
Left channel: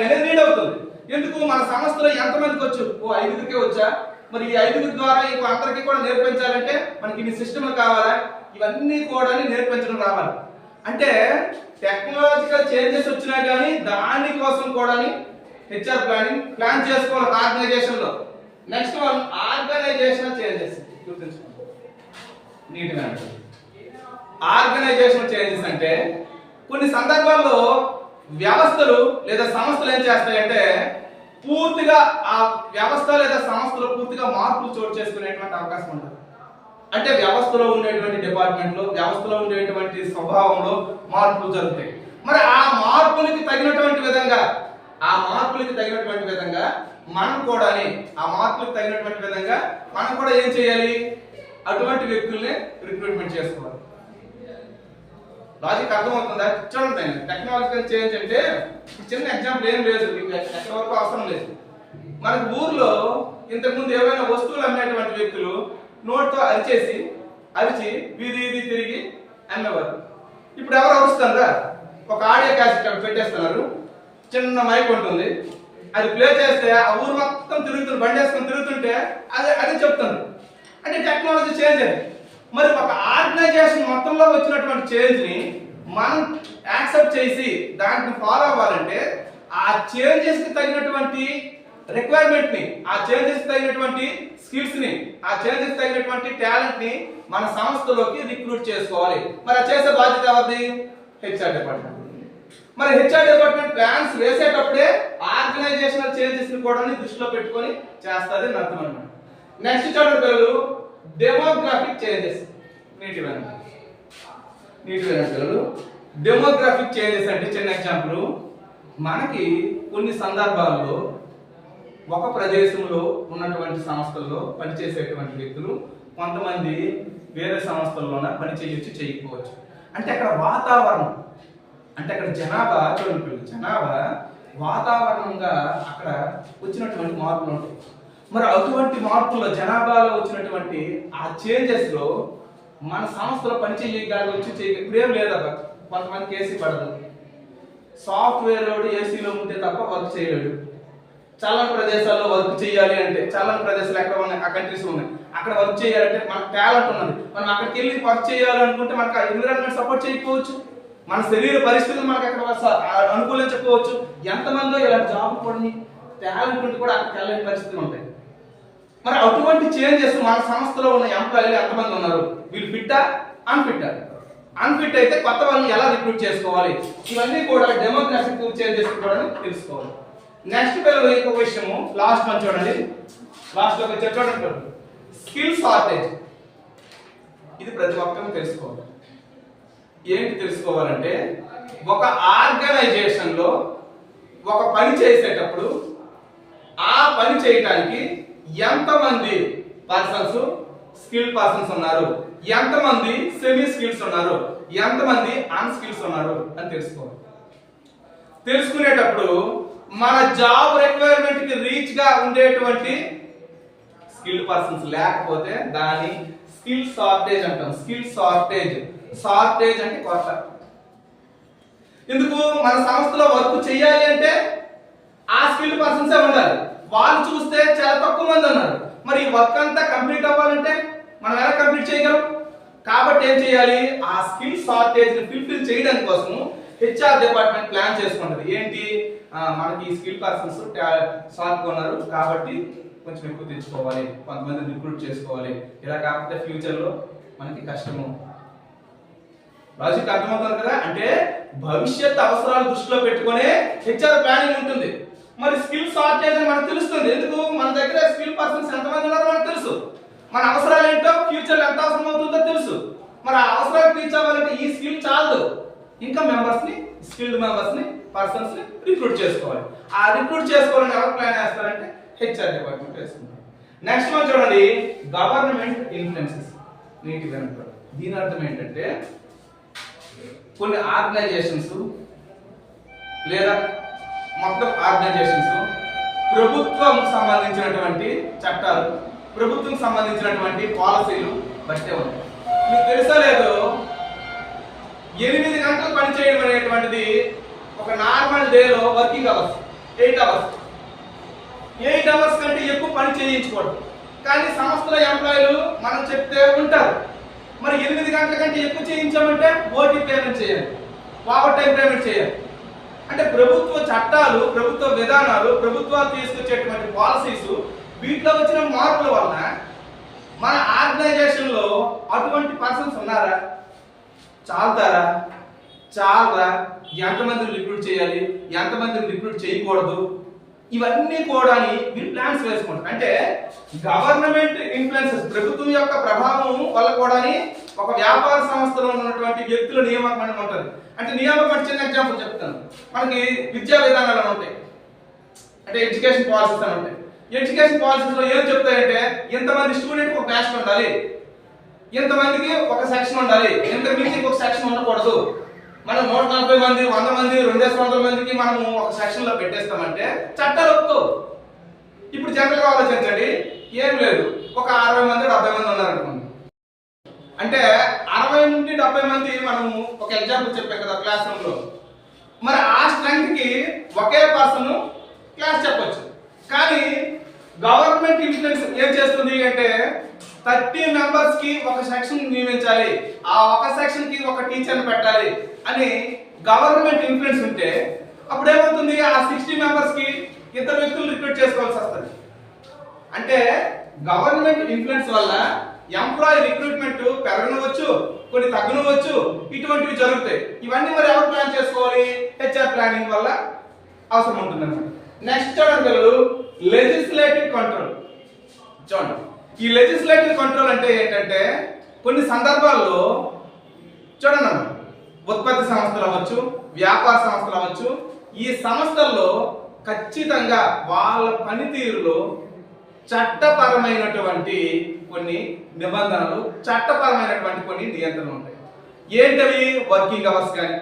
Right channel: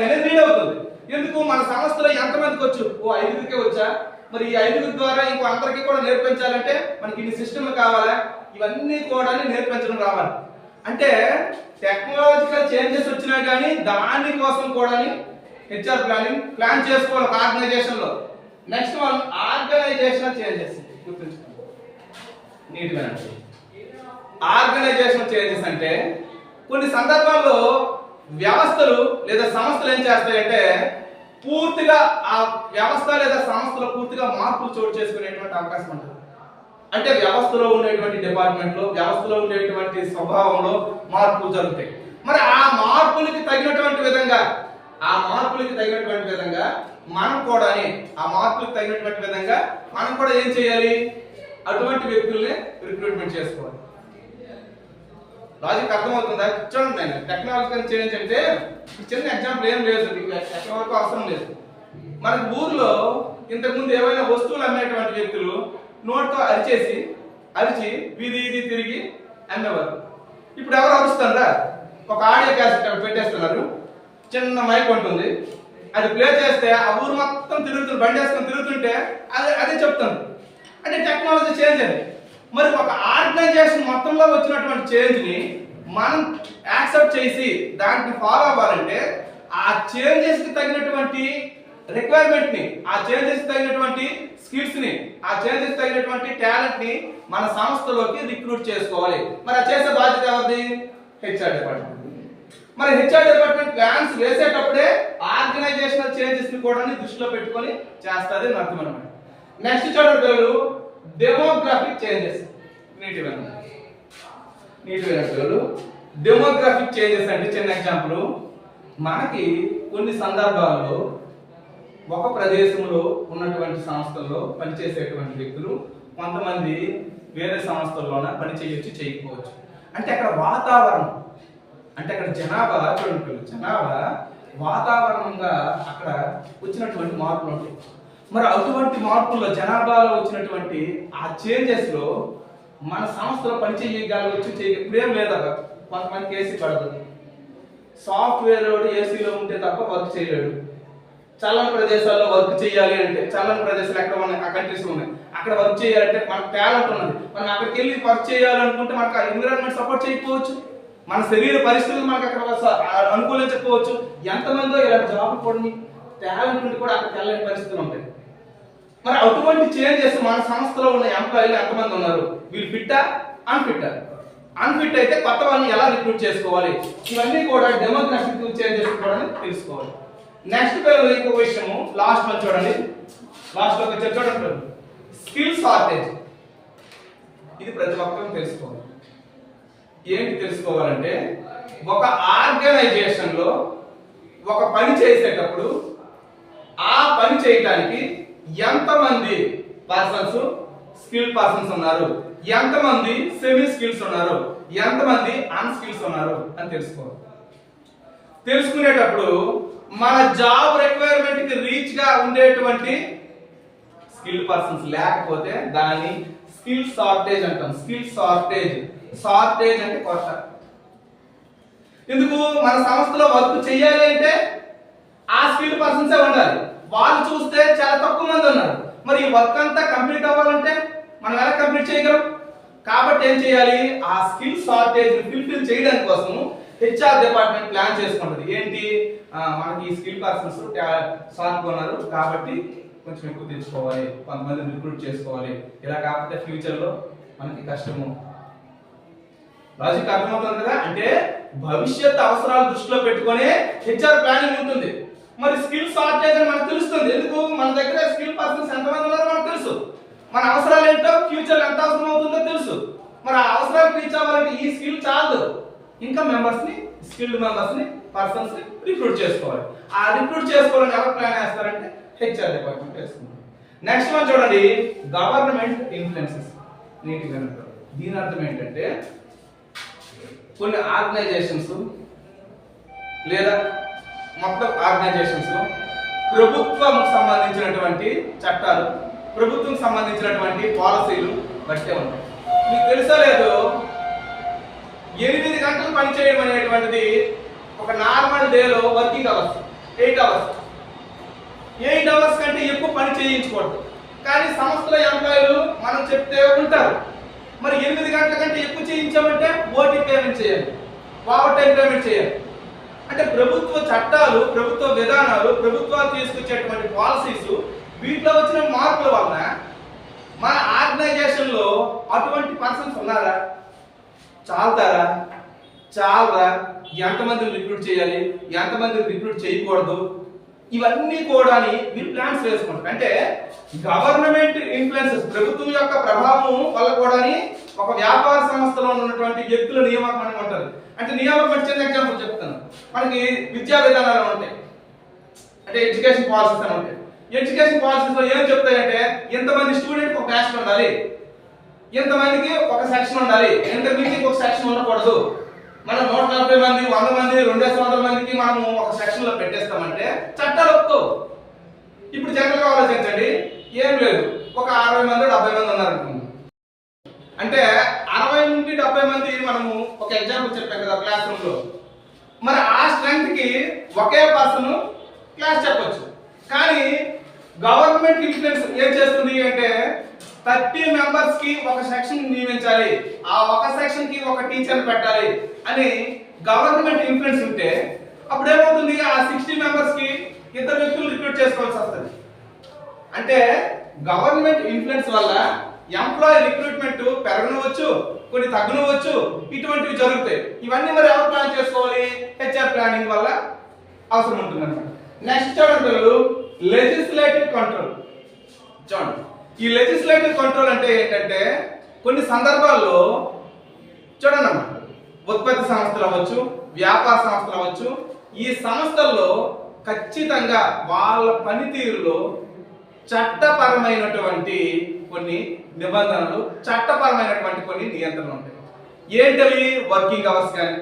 అనేది రీడ్ అవుతుంది. ఎందుకు మన సంస్థలో ఎంతమందికి వచ్చు, ఓ 5కే వచ్చా, మరి ఈ 5 ద్వారా ఇంకో అందరికీ కూడా నేర్పించాలంటే మనకి ఇన్ని సిస్టమ్లు కావాలా, ఇవన్నీ కూడా నేర్పించడం రావాలి. అంటే టెక్నాలజికల్ చేంజెస్ వచ్చినా కానీ దానికోసం కూడా హెచ్ఆర్ ప్లాన్ చేసుకోవాలి ఒక ఆర్గనైజేషన్ లో. నెక్స్ట్ వన్ ఆర్గనైజేషనల్ చేంజెస్ గుర్తుంచుకోండి నీట్గా. ఆర్గనైజేషనల్ చేంజెస్ అంటే కొన్ని సందర్భాల్లో వ్యవస్థలు లేదా సంస్థలు ఏం చేస్తాయంటే పూర్తిగా ఆ వ్యవస్థ లేదా సంస్థలో పూర్తిగా మార్పులు చోటు చేసుకునేటువంటి అవకాశం ఉంటుంది. అంటే వ్యవస్థలో ఉండేటువంటి డిపార్ట్మెంట్లో, వ్యవస్థలో ఉండేటువంటి స్వభావంలో మార్పులు జరుగుతాయి. మరి ఆ మార్పులకి తగినటువంటి విధంగా మనం కూడా ఏం చేయాలి, అటువంటి వ్యక్తుల్ని రిక్రూట్మెంట్ చేసుకోవాలి. లాజిక్ అర్థమవుతుందా? చూడండి, టెక్నాలజికల్ చేంజ్ అంటే చిన్న ఎగ్జాంపుల్ ఏం లేదు, ఎక్కడి వరకు అవసరం లేదు. మనకు ఊర్లో ఇంతకుముందు ఏవైనా వస్తువులు అమ్మేటువంటి వ్యక్తులు నోట్తో అరిచి వీధి తిరిగి అమ్మేవారు. ఇప్పుడు ఎవరు అరుస్తారా? ఒక ఆడియో క్యాసెట్ పెట్టేస్తున్నారు, చిన్న మైక్ ఉంటుంది, అది ప్లే చేస్తే ఆ ఊరు మొత్తం తిరుగుతుంది, బండి వేసుకొని తిరుగుతుంటే అదే చెప్తుంది. అంటే టెక్నాలజీ చేంజ్ అయింది. మరి ఒక ఆర్గనైజేషన్ మొత్తంలో వచ్చినటువంటి చేంజ్ ని మనం యాక్సెప్ట్ చేసి దాన్ని ఫాలో అవ్వాలంటే ఆ చేంజెస్ కి తగినటువంటి రిక్వైర్మెంట్ ని, ఆ చేంజెస్ తగినటువంటి స్కిల్స్ ని, ఆ చేంజెస్ తగినటువంటి టాలెంట్ ని మన సంస్థలోకి రిక్రూట్ చేసుకోవాలి. మరి ఆ చేసే బాధ్యత ఎవరిది? HR department. మరి హెచ్ఆర్ డిపార్ట్మెంట్ ప్లాన్స్ వేసేటప్పుడే ఆర్గనైజేషనల్ చేంజెస్ ని కూడా దృష్టిలో పెట్టుకొని చేస్తుంది అని అర్థం అన్నమాట. నెక్స్ట్ చూడండి పిల్లలు, డెమోగ్రాఫిక్ చేంజెస్. నీటివేనా పిల్లలు? డెమోగ్రాఫిక్ చేంజెస్ అంటే చిన్న ఎగ్జాంపుల్, మనకి కొన్ని సందర్భాల్లో ఒక ప్రదేశంలో ఉన్నటువంటి సంస్థల్లో పనిచేసేటువంటి వ్యక్తులు కొంతమంది వేరే సంస్థల్లోన పని చేయొచ్చు, చేయకపోవచ్చు. అంటే అక్కడ వాతావరణం, అంటే అక్కడ జనాభా చూడండి, జనాభా వాతావరణంగా అక్కడ వచ్చినటువంటి మార్పులు ఉంటాయి. మరి అటువంటి మార్పుల్లో జనాభాలో వచ్చినటువంటి ఆ చేంజెస్ లో మన సంస్థలో పని చేయగలవచ్చు, ఇప్పుడేం లేదా, కొంతమందికి ఏసీ పడదు, సాఫ్ట్వేర్ ఏసీలో ఉంటే తప్ప వర్క్ చేయలేడు, చల్లని ప్రదేశాల్లో వర్క్ చేయాలి అంటే, చల్లని ప్రదేశాలు ఎక్కడ ఉన్నాయి, ఆ కంట్రీస్ ఉన్నాయి, అక్కడ వర్క్ చేయాలంటే మనకు టాలెంట్ ఉన్నది, మనం అక్కడికి వెళ్ళి వర్క్ చేయాలనుకుంటే మనకు ఎన్విరాన్మెంట్ సపోర్ట్ చేయకపోవచ్చు, మన శరీర పరిస్థితులు మనకు అక్కడ అనుకూలించకపోవచ్చు. ఎంతమందో ఇలాంటి జాబ్ కూడా టాలెంట్ ఉండి కూడా అక్కడికి వెళ్ళని పరిస్థితులు ఉంటాయి. మరి అటువంటి చేంజెస్ మన సంస్థలో ఉన్న ఎంప్లాయీలు ఎంతమంది ఉన్నారు, వీళ్ళు ఫిట్టా అన్ఫిట్టా, అన్ఫిట్ అయితే కొత్త వాళ్ళని ఎలా రిక్రూట్ చేసుకోవాలి, ఇవన్నీ కూడా డెమోగ్రాఫిక్ చేంజెస్ కూడా తెలుసుకోవాలి. నెక్స్ట్ పిల్లలు ఇంకొక విషయము, లాస్ట్ వన్ చూడండి, లాస్ట్ ఒక చూడండి, స్కిల్ షార్టేజ్. ఇది ప్రతి ఒక్కరూ తెలుసుకోవాలి. ఏంటి తెలుసుకోవాలంటే, ఒక ఆర్గనైజేషన్ లో ఒక పని చేసేటప్పుడు ఆ పని చేయడానికి ఎంతమంది పర్సన్స్ స్కిల్ పర్సన్స్ ఉన్నారు, ఎంతమంది సెమీ స్కిల్స్ ఉన్నారు, ఎంతమంది అన్ స్కిల్స్ ఉన్నారు అని తెలుసుకోవాలి. తెలుసుకునేటప్పుడు మన జాబ్ రిక్వైర్మెంట్ కి రీచ్ గా ఉండేటువంటి స్కిల్ పర్సన్స్ లేకపోతే దాన్ని స్కిల్ షార్టేజ్ అంటాం. స్కిల్ షార్టేజ్, షార్టేజ్ అంటే కొరత. ఎందుకు, మన సంస్థలో వర్క్ చేయాలి అంటే ఆ స్కిల్ పర్సన్స్ ఉండాలి, వాళ్ళు చూస్తే చాలా తక్కువ మంది ఉన్నారు. మరి ఈ వర్క్ అంతా కంప్లీట్ అవ్వాలంటే మనం ఎలా కంప్లీట్ చేయగలం? కాబట్టి ఏం చేయాలి, ఆ స్కిల్ షార్టేజ్ ని ఫుల్ఫిల్ చేయడానికి కోసం హెచ్ఆర్ డిపార్ట్మెంట్ ప్లాన్ చేసుకుంటది. ఏంటి, మనకి ఈ స్కిల్ పర్సన్స్ షార్ట్ గా ఉన్నారు కాబట్టి కొంచెం ఎక్కువ తెచ్చుకోవాలి, కొంతమంది రిక్రూట్ చేసుకోవాలి, ఇలా కాకపోతే ఫ్యూచర్ లో మనకి కష్టము. లాజిక్ అర్థమవుతుంది కదా? అంటే భవిష్యత్ అవసరాలు దృష్టిలో పెట్టుకునే హెచ్ఆర్ ప్లానింగ్ ఉంటుంది. మరి స్కిల్ షార్టేజ్ అని మనకు తెలుస్తుంది. ఎందుకు, మన దగ్గర స్కిల్ పర్సన్స్ ఎంతమంది ఉన్నారో మనకు తెలుసు, మన అవసరాలు ఏంటో ఫ్యూచర్ ఎంత అవసరం అవుతుందో తెలుసు. మరి ఆ అవసరాలు రీచ్ అవ్వాలంటే ఈ స్కిల్ చాలదు, ఇంకా మెంబర్స్ ని, స్కిల్డ్ మెంబర్స్ ని, పర్సన్స్ ని రిక్రూట్ చేసుకోవాలి. ఆ రిక్రూట్ చేసుకోవాలని ఎవరు ప్లాన్ చేస్తారంటే హెచ్ఆర్ డిపార్ట్మెంట్ వేసుకుంటారు. నెక్స్ట్ వన్ చూడండి, గవర్నమెంట్ ఇన్ఫ్లుయెన్సెస్. నీట్గా అంటారు. దీని అర్థం ఏంటంటే, కొన్ని ఆర్గనైజేషన్స్ లేదా మొత్తం ఆర్గనైజేషన్స్ ప్రభుత్వం సంబంధించినటువంటి చట్టాలు, ప్రభుత్వం సంబంధించినటువంటి పాలసీలు బట్టే ఉంటాయి. మీకు తెలుసా లేదు, 8 గంటలు పని చేయడం అనేటువంటిది ఒక నార్మల్ డేలో వర్కింగ్ అవర్స్ 8 అవర్స్. 8 అవర్స్ కంటే ఎక్కువ పని చేయించకూడదు. కానీ సంస్థల ఎంప్లాయీలు మనం చెప్తే ఉంటారు. మరి 8 గంటల కంటే ఎక్కువ చేయించామంటే ఓటీ పేమెంట్ చేయాలి, ఓవర్ టైం పేమెంట్ చేయాలి. అంటే ప్రభుత్వ చట్టాలు, ప్రభుత్వ విధానాలు, ప్రభుత్వాలు తీసుకొచ్చేటువంటి పాలసీస్, వీటిలో వచ్చిన మార్పుల వలన మన ఆర్గనైజేషన్ లో అటువంటి పర్సన్స్ ఉన్నారా, చాలుతారా, చాలరా, ఎంతమందిని రిక్రూట్ చేయాలి, ఎంతమందిని రిక్రూట్ చేయకూడదు, ఇవన్నీ కూడా వీళ్ళు ప్లాన్స్ వేసుకుంటారు. అంటే గవర్నమెంట్ ఇన్ఫ్లుయెన్సెస్, ప్రభుత్వం యొక్క ప్రభావం వల్ల కూడా ఒక వ్యాపార సంస్థలో ఉన్నటువంటి వ్యక్తుల నియామకం అని ఉంటుంది. అంటే నియామకం చిన్న ఎగ్జాంపుల్ చెప్తాను. మనకి విద్యా విధానాలు ఉంటాయి, అంటే ఎడ్యుకేషన్ పాలసీస్ అని ఉంటాయి. ఎడ్యుకేషన్ పాలసీస్ లో ఏం చెప్తాయంటే, ఇంతమంది స్టూడెంట్ ఒక క్లాస్ ఉండాలి, ఇంతమందికి ఒక సెక్షన్ ఉండాలి, ఇంతమందికి ఒక సెక్షన్ ఉండకూడదు. మనం 140 మంది, 100 మంది, 200 మందికి మనము ఒక సెక్షన్ లో పెట్టేస్తామంటే చట్టాలు ఒప్పుకో. ఇప్పుడు జనరల్ గా ఆలోచించండి, ఏం లేదు, ఒక 60 మంది 70 మంది ఉన్నారు అనుకోండి. అంటే 60 నుండి 70 మంది మనము ఒక ఎగ్జాంపుల్ చెప్పాం కదా క్లాస్ రూమ్ లో. మరి ఆ స్ట్రెంత్ కి ఒకే పర్సన్ క్లాస్ చెప్పొచ్చు. కానీ గవర్నమెంట్ ఇన్ఫ్లుయెన్స్ ఏం చేస్తుంది అంటే, 30 మెంబర్స్ కి ఒక సెక్షన్ నియమించాలి, ఆ ఒక సెక్షన్ కి ఒక టీచర్ పెట్టాలి అని గవర్నమెంట్ ఇన్ఫ్లుయెన్స్ ఉంటే అప్పుడు ఏమవుతుంది, ఆ 60 మెంబర్స్ కి 2 వ్యక్తులు రిక్రూట్ చేసుకోవాల్సి వస్తుంది. అంటే గవర్నమెంట్ ఇన్ఫ్లుయెన్స్ వల్ల ఎంప్లాయీ రిక్రూట్మెంట్ పెరగనవచ్చు, కొన్ని తగ్గనవచ్చు, ఇటువంటివి జరుగుతాయి. ఇవన్నీ మరి ఎవరు ప్లాన్ చేసుకోవాలి, హెచ్ఆర్ ప్లానింగ్ వల్ల అవసరం ఉంటుంది అన్నమాట. నెక్స్ట్ చూడండి పిల్లలు, లెజిస్లేటివ్ కంట్రోల్. చూడండి, ఈ లెజిస్లేటివ్ కంట్రోల్ అంటే ఏంటంటే, కొన్ని సందర్భాల్లో చూడండి అమ్మా, ఉత్పత్తి సంస్థలు అవ్వచ్చు, వ్యాపార సంస్థలు అవ్వచ్చు, ఈ సంస్థల్లో ఖచ్చితంగా వాళ్ళ పనితీరులో చట్టపరమైనటువంటి కొన్ని నిబంధనలు, చట్టపరమైనటువంటి కొన్ని నియంత్రణలు ఉంటాయి. ఏంటవి, వర్కింగ్ అవర్స్ కానీ,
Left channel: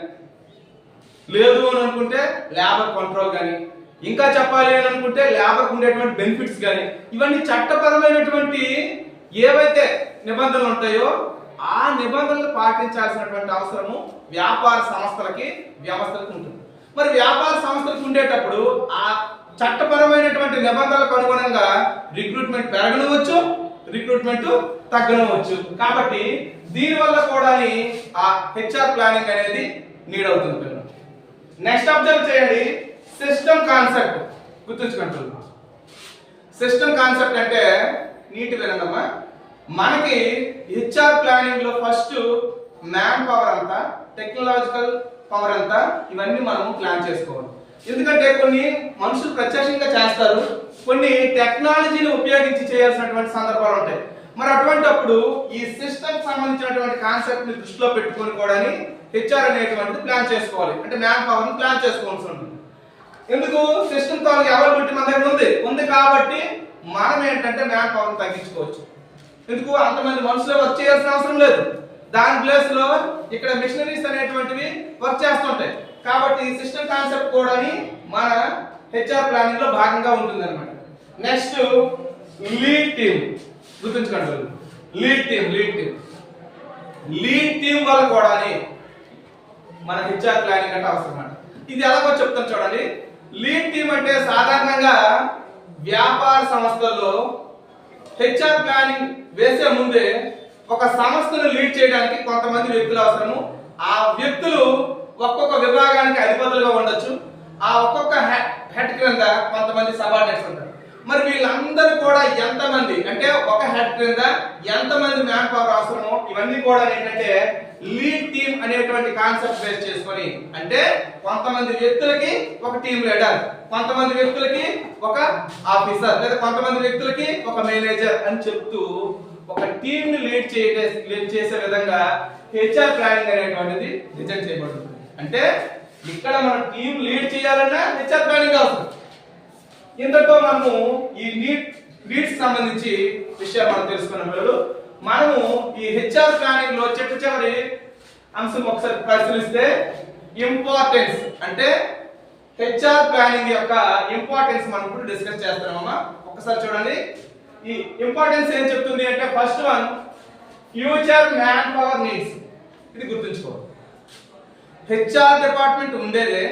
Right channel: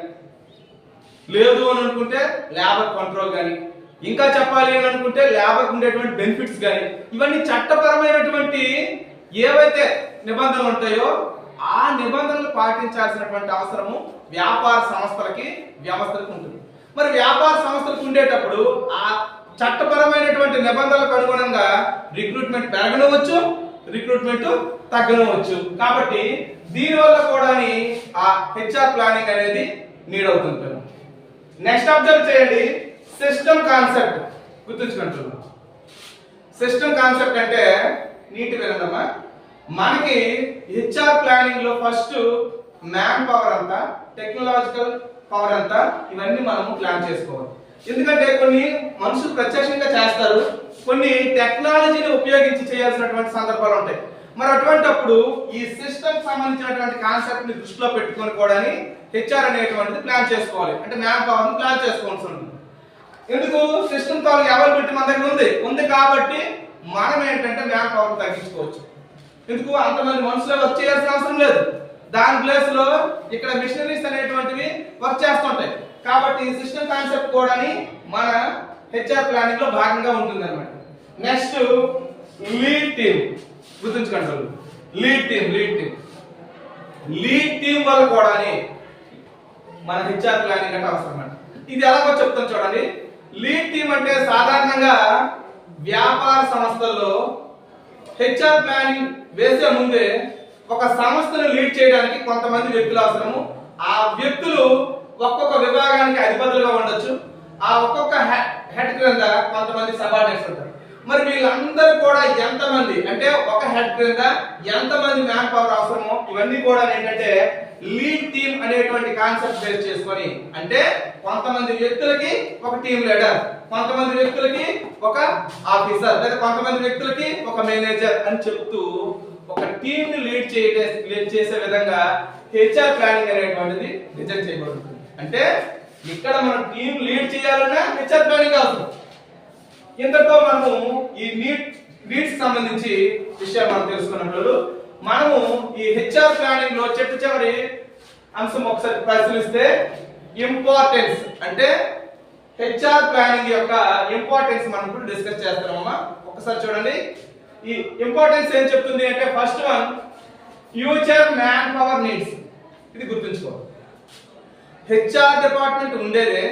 లేదు అని అనుకుంటే లేబర్ కంట్రోల్ కానీ, ఇంకా చెప్పాలి అని అనుకుంటే లేబర్కి ఉండేటువంటి బెనిఫిట్స్ కానీ, ఇవన్నీ చట్టపరమైనటువంటి ఏవైతే నిబంధనలు ఉంటాయో ఆ నిబంధనలు పాటించాల్సినటువంటి అవసరము వ్యాపార సంస్థలకి, వ్యవస్థలకు ఉంటుంది. మరి వ్యాపార సంస్థలకు ఉండేటప్పుడు ఆ చట్టపరమైనటువంటి నిబంధనలకు అనుగుణంగా రిక్రూట్మెంట్ పెరగనవచ్చు, రిక్రూట్మెంట్ తగ్గనవచ్చు. కాబట్టి దీనివల్ల కూడా ఆ హెచ్ఆర్ ప్లానింగ్ అనేది నీడ్ అవుతుంది. నెక్స్ట్ అబ్జర్వ్ చేయండి, సిస్టమ్ కాన్సెప్ట్ గుర్తుంచుకుంటున్నాం. సిస్టమ్ కాన్సెప్ట్ అంటే నీట్ వినండమ్మా. మనకి హెచ్ఆర్ ప్లానింగ్ లో ఫస్ట్ మ్యాన్ పవర్ అంతా, టెక్నాలజికల్ పవర్ అంతా, ఇవన్నీ మనము ప్లాన్ చేసుకోవాలి. ఎందుకంటే కొన్ని మనుషులు ప్రత్యక్షంగా చేస్తారు, కొన్ని టెక్నాలజీని ఉపయోగించి చేయాల్సినటువంటి సందర్భాలు ఉంటాయి. మరి అటువంటిప్పుడు ఈ సిస్టమ్ సంబంధించినటువంటి కాన్సెప్ట్ ని దృష్టిలో పెట్టుకొని కూడా హెచ్ఆర్ అనేటువంటిది ప్లాన్ చేసుకోవాలి. అంటే మ్యాన్ పవర్ ని ప్లాన్ చేసుకోవాల్సి ఉంటుంది. ఎందుకు? సిస్టమ్ తో అవైలబిలిటీ మన దగ్గర ఉంది కాబట్టి మనం ఏంటంటే మ్యాన్ పవర్ తగ్గించుకోవచ్చు. ఎందుకు? అంతమంది మనుషులే వర్క్ చేయాల్సిన అవసరం లేదు. దాని ప్లేస్ లో ఇక్కడ మిషనరీస్ అనేటువంటివి వర్క్ చేస్తుంటాయి. కాబట్టి ఈ సిస్టమ్ కాన్సెప్ట్ కూడా మన హెచ్ఆర్ ప్లానింగ్ లో భాగంగా ఉంటుంది అన్నమాట. నెక్స్ట్ లీడ్ టీమ్ గుర్తుంచుకోండి. లీడ్ టీమ్ వల్ల కూడా మన హెచ్ఆర్ ప్లానింగ్ అంటే అవసరం అన్నమాట. ఇది ఎలాగో చెప్తాను చూడండి. లీడ్ టీమ్ అంటే సాధారణంగా వ్యాపార సంస్థల్లో హెచ్ఆర్ ప్లానింగ్ వేసే ముందే ఒక సంస్థను లీడ్ చేయడానికి కొంతమంది వ్యక్తులు అవసరము. ఆ వ్యక్తులు ఒక్కొక్క విభాగానికి అధిపతులుగా ఉండొచ్చు. ఆ ఒక్కొక్క హెడ్ క్రింద కొంతమంది సబార్డినేట్స్ ఉంటారు. మరి వీళ్ళందరూ కూడా ఎంతమంది అంటే ఒక హెడ్ క్రింద ఎంతమంది మ్యాన్ పవర్ అవసరమో ఇవన్నీ కూడా ఏంటంటే లీడ్ టీమ్ అనేటువంటి కాన్సెప్ట్ బేస్ చేసుకొని, అంటే కొంతమంది వ్యక్తులకి ఒక టీమ్ లీడర్, కొంతమంది వ్యక్తులకి ఒక ఆఫీసర్, లేదా కొంతమంది వ్యక్తులకి ఒక మేనేజర్ అని చెప్తూ ఒక టీమ్ ని లీడ్ చేసే విధంగా హెచ్ఆర్ ప్లానింగ్ అనేటువంటిది డిజైన్ చేయబడుతుంది. అంటే ఇక్కడ మనం టీమ్ లీడ్ చేయాలన్నా హెచ్ఆర్ ప్లానింగ్ అవసరం. ఇంతతో మనము ఈ లీడ్స్ సంబంధించి విషయాలు మనం తెలుసుకున్నప్పుడు మనము ఈ హెచ్ఆర్ ప్లానింగ్ లో చివరి అంశం ఒకసారి పరిశీలిస్తే ఇంపార్టెన్స్, అంటే హెచ్ఆర్ ప్లానింగ్ యొక్క ఇంపార్టెన్స్ మనం ఇప్పుడు డిస్కస్ చేస్తున్నామమ్మా. ఒకసారి చూడండి, ఈ ఇంపార్టెన్స్ ఏం చెప్తుంది అంటే first one, future man power needs. ఇది గుర్తుంచుకోవాలి. హెచ్ఆర్ డిపార్ట్మెంట్ ఉండేదే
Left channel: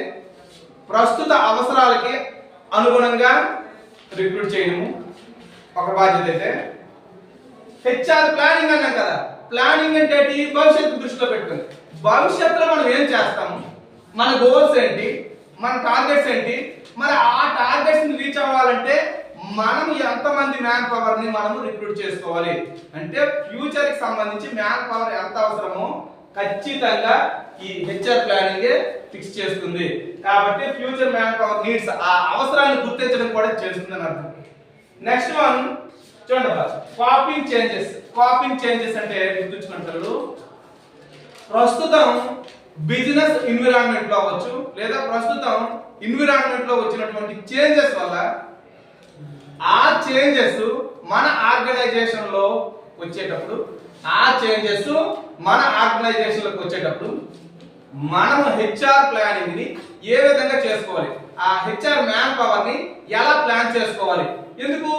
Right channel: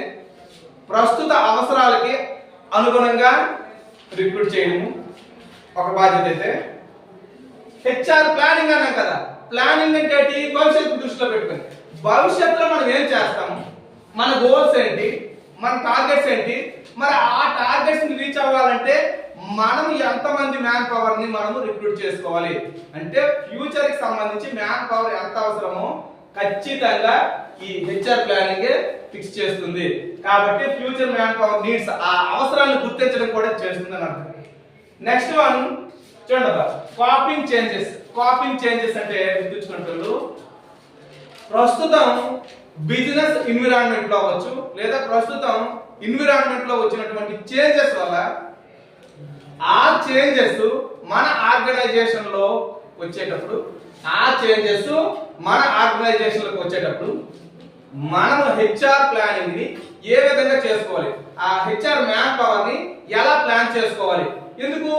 ప్రస్తుత అవసరాలకి అనుగుణంగా రిక్రూట్ చేయడము ఒక బాధ్యత అయితే, హెచ్ఆర్ ప్లానింగ్ అన్నాం కదా. ప్లానింగ్ అంటే భవిష్యత్తు దృష్టిలో పెట్టుకుంది. భవిష్యత్తులో మనం ఏం చేస్తాము, మన గోల్స్ ఏంటి, మన టార్గెట్స్ ఏంటి, మరి ఆ టార్గెట్స్ ని రీచ్ అవ్వాలంటే మనం ఎంతమంది మ్యాన్ పవర్ ని మనము రిక్రూట్ చేసుకోవాలి. అంటే ఫ్యూచర్ కి సంబంధించి మ్యాన్ పవర్ ఎంత అవసరమో ఖచ్చితంగా ఈ హెచ్ఆర్ ప్లానింగ్ ఫిక్స్ చేస్తుంది. కాబట్టి ఫ్యూచర్ మ్యాన్ పవర్ నీడ్స్, ఆ అవసరాలను గుర్తించడం కూడా చేస్తుంది అని అర్థం. నెక్స్ట్ వన్ చూడండి, కాపింగ్ చేంజెస్ అంటే గుర్తుంచుకుంటారు. ప్రస్తుతం బిజినెస్ ఎన్విరాన్మెంట్ లో అవ్వచ్చు, లేదా ప్రస్తుతం ఎన్విరాన్మెంట్ లో వచ్చినటువంటి చేంజెస్ వల్ల ఆ చేంజెస్ మన ఆర్గనైజేషన్ లో వచ్చేటప్పుడు, మనము హెచ్ఆర్ ప్లానింగ్ ని ఏ విధంగా చేసుకోవాలి, ఆ హెచ్ఆర్ మ్యాన్ పవర్ ని ఎలా ప్లాన్ చేసుకోవాలి. ఎందుకు?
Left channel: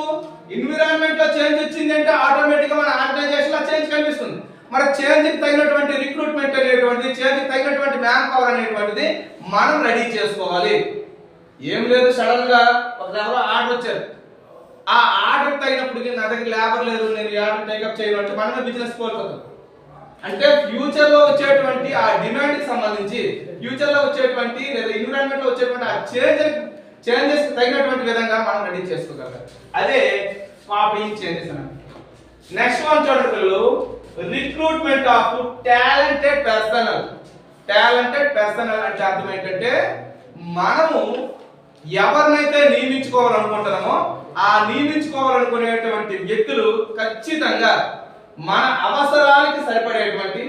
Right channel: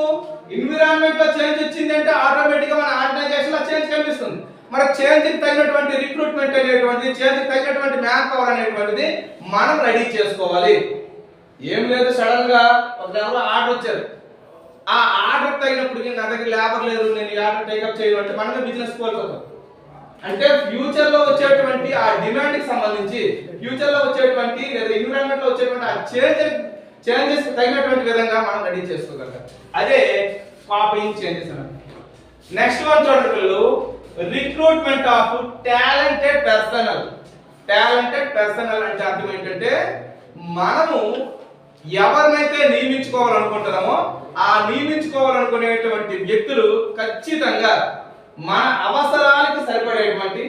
ఎన్విరాన్మెంట్ లో చేంజ్ వచ్చింది అంటే ఆటోమేటిక్ గా మన ఆర్గనైజేషన్ లో చేంజ్ కనిపిస్తుంది. మరి చేంజ్ కి తగినటువంటి రిక్రూట్మెంట్ అనేటువంటిది, చేంజ్ కి తగినటువంటి మ్యాన్ పవర్ అనేటువంటిది మనం రెడీ చేసుకోవాలి. ఏం లేదు, సడన్ గా ఎవరో ఆర్డర్ వచ్చారు, ఆ ఆర్డర్ తగినప్పటికీ నా దగ్గర లేబర్ లేదు, నేను ఈ ఆర్డర్ టేకప్ చేయను అంటే మనమే బిజినెస్ కోల్పోతాం. అంటే ఫ్యూచర్ లో వచ్చేటువంటి ఆ డిమాండ్ కి సంబంధించి, ఫ్యూచర్ లో వచ్చేటువంటి లేదా ఎన్విరాన్మెంట్ లో వచ్చేటువంటి ఆ చేంజెస్ తగినటువంటి విధంగా మనం రెడీ చేసుకోగలగాలి. అదే కాపీయింగ్ చేంజెస్ అని. నెక్స్ట్ వన్ చూడండి, రిక్రూట్మెంట్ ఆఫ్ టాలెంటెడ్ పర్సనల్ అంటే అర్థం ఏంటంటే మనము ఎవరినైతే నియమించుకోవాలనుకుంటున్నామో ఆ నియమించుకోవాలనుకునేటువంటి వ్యక్తులు ఖచ్చితంగా మన అవసరాలకి సరిపడేటువంటి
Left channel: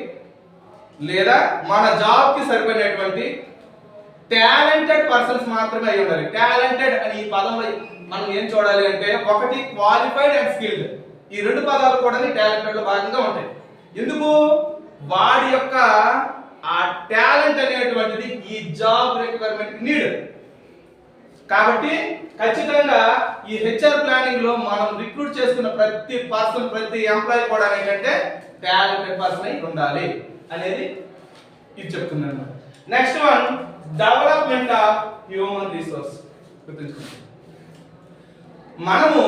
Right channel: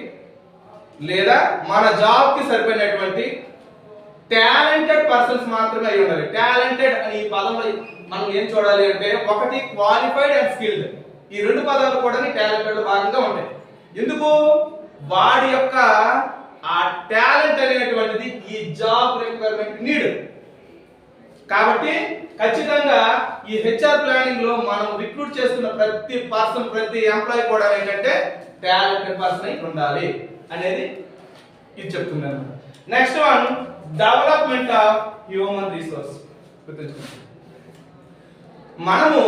లేదా మన జాబ్ కి సరిపడినటువంటి టాలెంటెడ్ పర్సన్స్ మాత్రమే అయి ఉండాలి. టాలెంటెడ్ అని ఈ పదంలో మనం ఏం చూడాలి అంటే, ఒకటి క్వాలిఫైడ్ అండ్ స్కిల్డ్. ఈ రెండు పదాలు కూడా టాలెంటెడ్ లో భాగంగా ఉంటాయి. ఎందుకు? వాడి యొక్క ఆ టాలెంట్ అనేటువంటిది ఈ జాబ్ రిక్వైర్మెంట్ నీడ్. కాబట్టి ఖచ్చితంగా ఈ హెచ్ఆర్ ప్లానింగ్ లో మనం రిక్రూట్ చేసుకున్న ప్రతి ఎంప్లాయీ కూడా ఏంటంటే టాలెంటెడ్ పర్సన్ అయి ఉండాలి అనేది ఇది చెప్తుంది అన్నమాట. Next one, development of human resource. గుర్తుంచుకోండి, మనము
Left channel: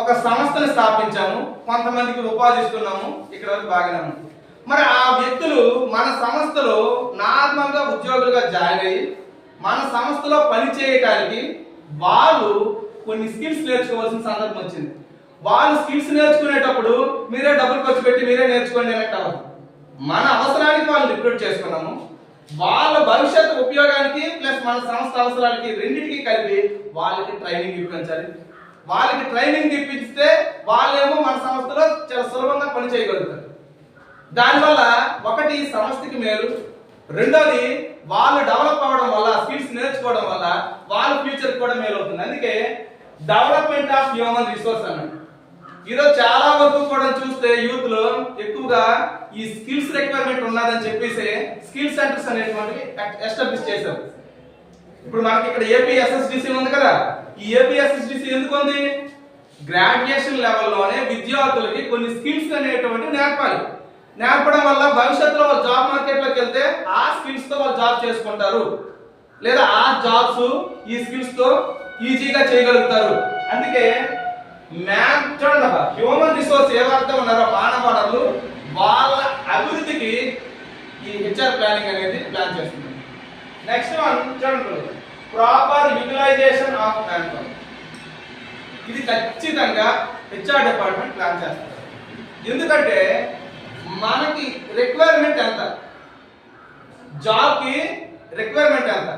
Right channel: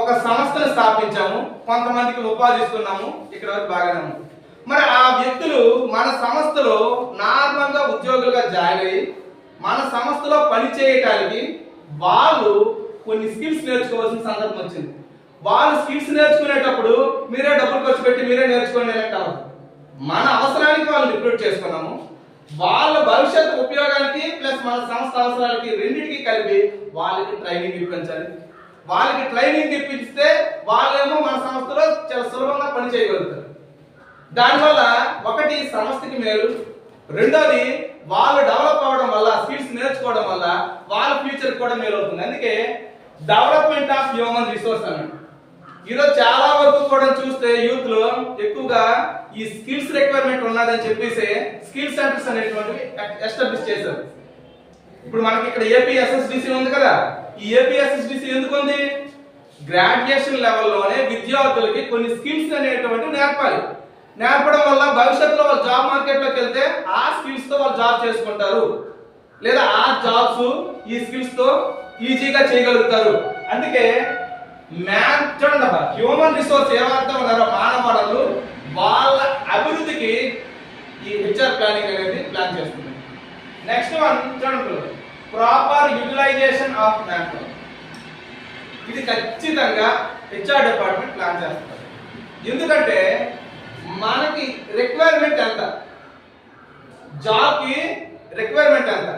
ఒక సంస్థను స్థాపించాము, కొంతమందికి ఉపాధి ఇస్తున్నాము, ఇక్కడ వరకు బాగానే ఉంది. మరి ఆ వ్యక్తులు మన సంస్థలో నార్మల్గా ఉద్యోగులుగా జాయిన్ అయ్యి మన సంస్థలో పని చేయటానికి వాళ్ళు కొన్ని స్కిల్స్ నేర్చుకోవాల్సిన సందర్భం వచ్చింది. వాళ్ళు స్కిల్స్ నేర్చుకునేటప్పుడు మీరే డబ్బులు ఖర్చు పెట్టి మీరే నేర్చుకోండి అన్నట్టు అవ్వదు. మన అవసరానికి వాళ్ళు రిక్రూట్ చేసుకున్నాము, వాళ్ళ భవిష్యత్తు ఉపయోగానికి ప్లస్ మన సంస్థ అవసరాలకి రెండింటికి కలిపి వాళ్ళకి ట్రైనింగ్ ఇప్పించాలి. వాళ్ళకి ట్రైనింగ్ ఇప్పిస్తే వాళ్ళేమో మన సంస్థలో చాలా సులభంగా పని చేయగలుగుతారు. దానివల్ల ఒకటి సంస్థకి మేలు, రెండోది వాళ్ళు డెవలప్ అవ్వడం వల్ల స్కిల్స్ నేర్చుకోవడం వల్ల వాళ్ళ ఫ్యూచర్ కూడా మేలు అవుతుంది. అందుకే డెవలప్మెంట్ ఆఫ్ హ్యూమన్ రిసోర్స్ అన్నట్టు. ఈరోజు చాలా వరకు కూడా చూస్తే యూత్ లో ఎక్కువగా ఈ స్కిల్స్ రిక్వైర్మెంట్ ఉన్నదని చెప్పేసి స్కిల్ సెంటర్స్ అనేటువంటివి ఎస్టాబ్లిష్ చేశారు. ఇప్పుడు మనకి ఇక్కడ ఏపీఎస్ఎస్డిసి ఉంది కదా, ఈ ఏపీఎస్ఎస్డిసి ఎందుకు ఉంది? గ్రాడ్యుయేషన్ లెవెల్లోనే విద్యార్థులకి కొన్ని స్కిల్స్ అనేటువంటివి నేర్పడం వల్ల భవిష్యత్తులో వాళ్ళు జాబ్ మార్కెట్లోకి వెళ్తే ఆ స్కిల్స్ తో వాళ్ళు జాబ్ చేసుకుంటారు, లేదా ఆ జాబ్స్ ఈ స్కిల్స్ తో ఈజీగా చేయగలుగుతారు. అందుకే చూడండి అబ్బా, హ్యూమన్ రిసోర్స్ ఎవరైతే ఉన్నారో మానవ వనరులు, వాళ్ళ అభివృద్ధికి ఈ హెచ్ఆర్ ప్లానింగ్ అనేది ప్లాన్ చేస్తున్నారు. నెక్స్ట్ వన్ చూడండి, proper utilisation of man power. ఇది ఖచ్చితంగా హెచ్ఆర్ డిపార్ట్మెంట్ ప్లాన్ చేస్తారు. ఎందుకంటే మనకి రిక్వైర్మెంట్ ఎంత, జాబ్ కి రిక్వైర్మెంట్ ఎంత,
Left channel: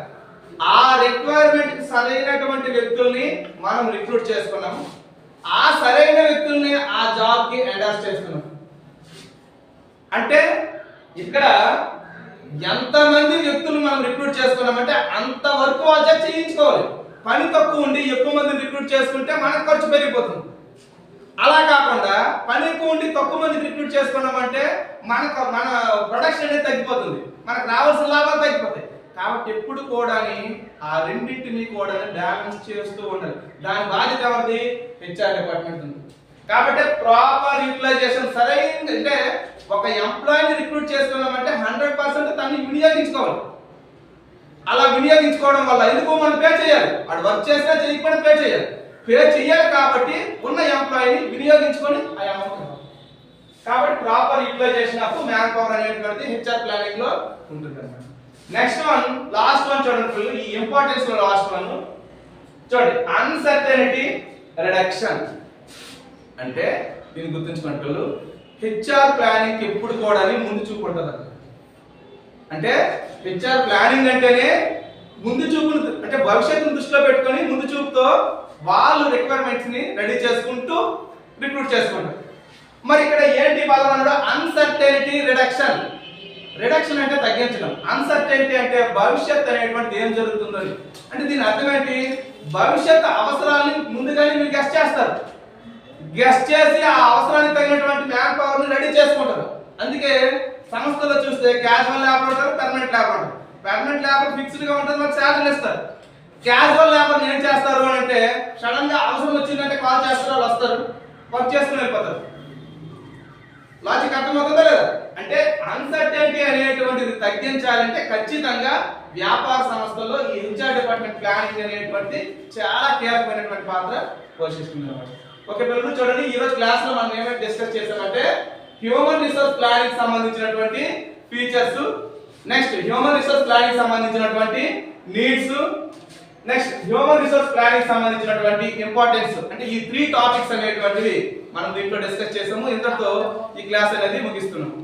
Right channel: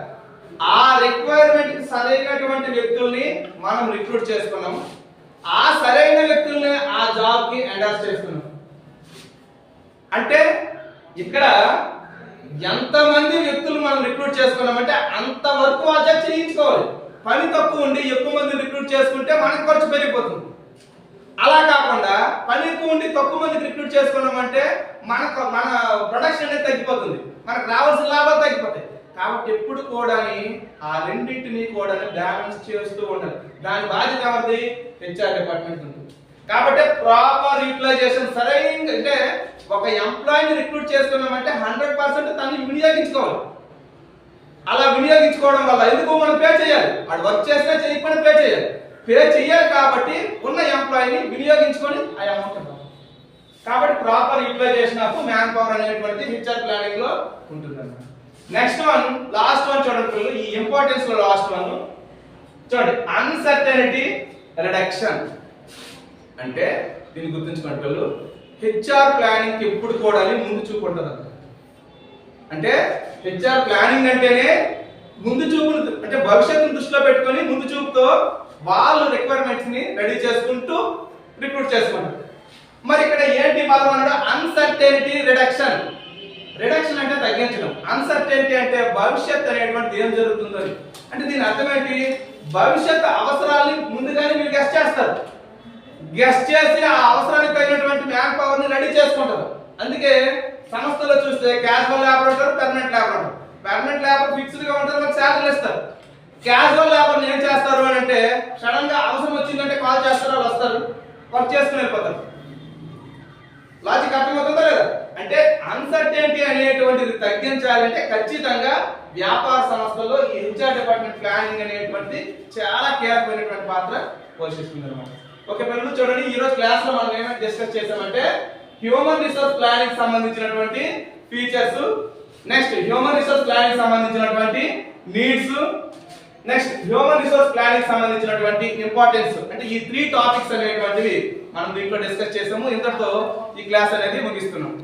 ఆ రిక్వైర్మెంట్ కి సరైనటువంటి వ్యక్తుల్ని మనం రిక్రూట్ చేసుకున్నాము, ఆ సరైన వ్యక్తుల్ని ఆ జాబ్ కి ఎండార్స్ చేసుకున్నాం. అంటే ఇక్కడ ఎంతమంది వ్యక్తులు మనం రిక్రూట్ చేసుకున్నామంటే అంతవరకు వాళ్ళ చేయించుకోవాలి. పని తక్కువ ఉండి ఎక్కువ మంది రిక్రూట్ చేసుకుంటే మనకు ఖర్చు పెరిగిపోతుంది. అలా కాకుండా పని ఎక్కువ ఉండి తక్కువ మంది రిక్రూట్ చేసుకున్నామంటే మన ప్రొడక్షన్ అనేది తగ్గిపోతుంది, మనకు రావాల్సిన లాభాలు తగ్గిపోతాయి. కాబట్టి ఎప్పుడు కూడా ఆ రెండింటిని కూడా బ్యాలెన్స్ చేస్తూ ఉండాలి. దాని బాధ్యత ఎవరిది? హెచ్ఆర్ డిపార్ట్మెంట్ ఉంటుంది. కాబట్టి ప్రాపర్ యూటిలైజేషన్ సరైన, అంటే ఒక ఎంప్లాయీని రిక్రూట్ చేసుకున్నామంటే 100% తనని వినియోగించుకోవాలి. అలా వినియోగించుకోవడం వల్ల ఎందుకు మనం పే చేయాలి, వాడు వర్క్ చేసినా చేయకపోయినా పే చేయాలి. కాబట్టి ఉన్న ఎంప్లాయీని వినియోగించుకొని ఆ అమౌంట్ ఇవ్వాలి. కాబట్టి proper utilisation of man power అనేటువంటిది హెచ్ఆర్ ప్లానింగ్ లో ఉంటుంది అన్నమాట. నెక్స్ట్ వన్, లాస్ట్ వన్ చూడండి, ఈ ఇంపార్టెన్స్ లో లాస్ట్ వన్ చూడండి, అన్సర్టనిటీ రిడక్షన్. అంటే దీన్ని గుర్తుంచుకోండి పిల్లలు, హెచ్ఆర్ ప్లానింగ్ ఎప్పుడు కూడా ముందు చూపు ఉంటుంది. అంటే హెచ్ఆర్ ప్లానింగ్ అంటేనే ముందు చూపును, అంటే భవిష్యత్తును దృష్టిలో పెట్టుకొని ముందు చూపుతో వాళ్ళు రిక్వైర్మెంట్స్ ని రెడీ చేసుకుంటూ రిక్రూట్ చేసుకుంటారు. మరి ఇక్కడ ఏంటి పదం అన్నాడు? Uncertainty reduction. రిడక్షన్ అంటే తగ్గించడం, అన్సర్టెనిటీ అంటే భవిష్యత్ అనేటువంటి ఏం జరుగుతుందో. అంటే దీని అర్థం ఏంటి? భవిష్యత్ అవసరాలని ముందుగానే మీరు గెస్ట్ చేస్తారు, గెస్ట్ చేసి ఆ అవసరానికి తగినటువంటి మ్యాన్ పవర్ ని రెడీ చేసుకుంటారు. అందుకే సంస్థలో చూస్తే క్యాజువల్ లేబర్ ఉంటారు, పెర్మనెంట్ లేబర్ ఉంటారు. పెర్మనెంట్ లేబర్ ఫిక్స్డ్ గా ఉంటుంది, వాళ్ళకి శాలరీలు ఇస్తారు. క్యాజువల్ లేబర్ ఏం చేస్తారు అని అంటే సడన్ గా అవసరం వచ్చిందంటే కాల్ చేస్తారు, వాళ్ళు వస్తారు, వర్క్ చేసుకుని వెళ్ళిపోతారు. లాజిక్ అర్థమవుతుందా లేదా? అంటే అన్సర్టెనిటీ అనేటువంటిది తగ్గించాలంటే ఖచ్చితంగా వ్యాపార సంస్థల్లో ఈ హెచ్ఆర్ డిపార్ట్మెంట్ ప్లానింగ్ అనేటువంటిది చాలా కీలకమైనటువంటి పాత్ర పోషిస్తుంది అనమాట. ఓకే పిల్లలు చూడండి, ఈ రోజు క్లాస్ లో మనం ఏమైనా డిస్కస్ చేసామంటే హ్యూమన్ రిసోర్స్ ప్లానింగ్ సంబంధించినటువంటి features, next human resource planning సంబంధించినటువంటి needs, next human resource planning సంబంధించినటువంటి ఇంపార్టెన్స్, అంటే ఈ 3 టాపిక్స్ అనేటువంటివి మనం దీంట్లో డిస్కస్ చేసాము. ఇంతటితో ఈ క్లాస్ అనేది ముగిస్తున్నాం.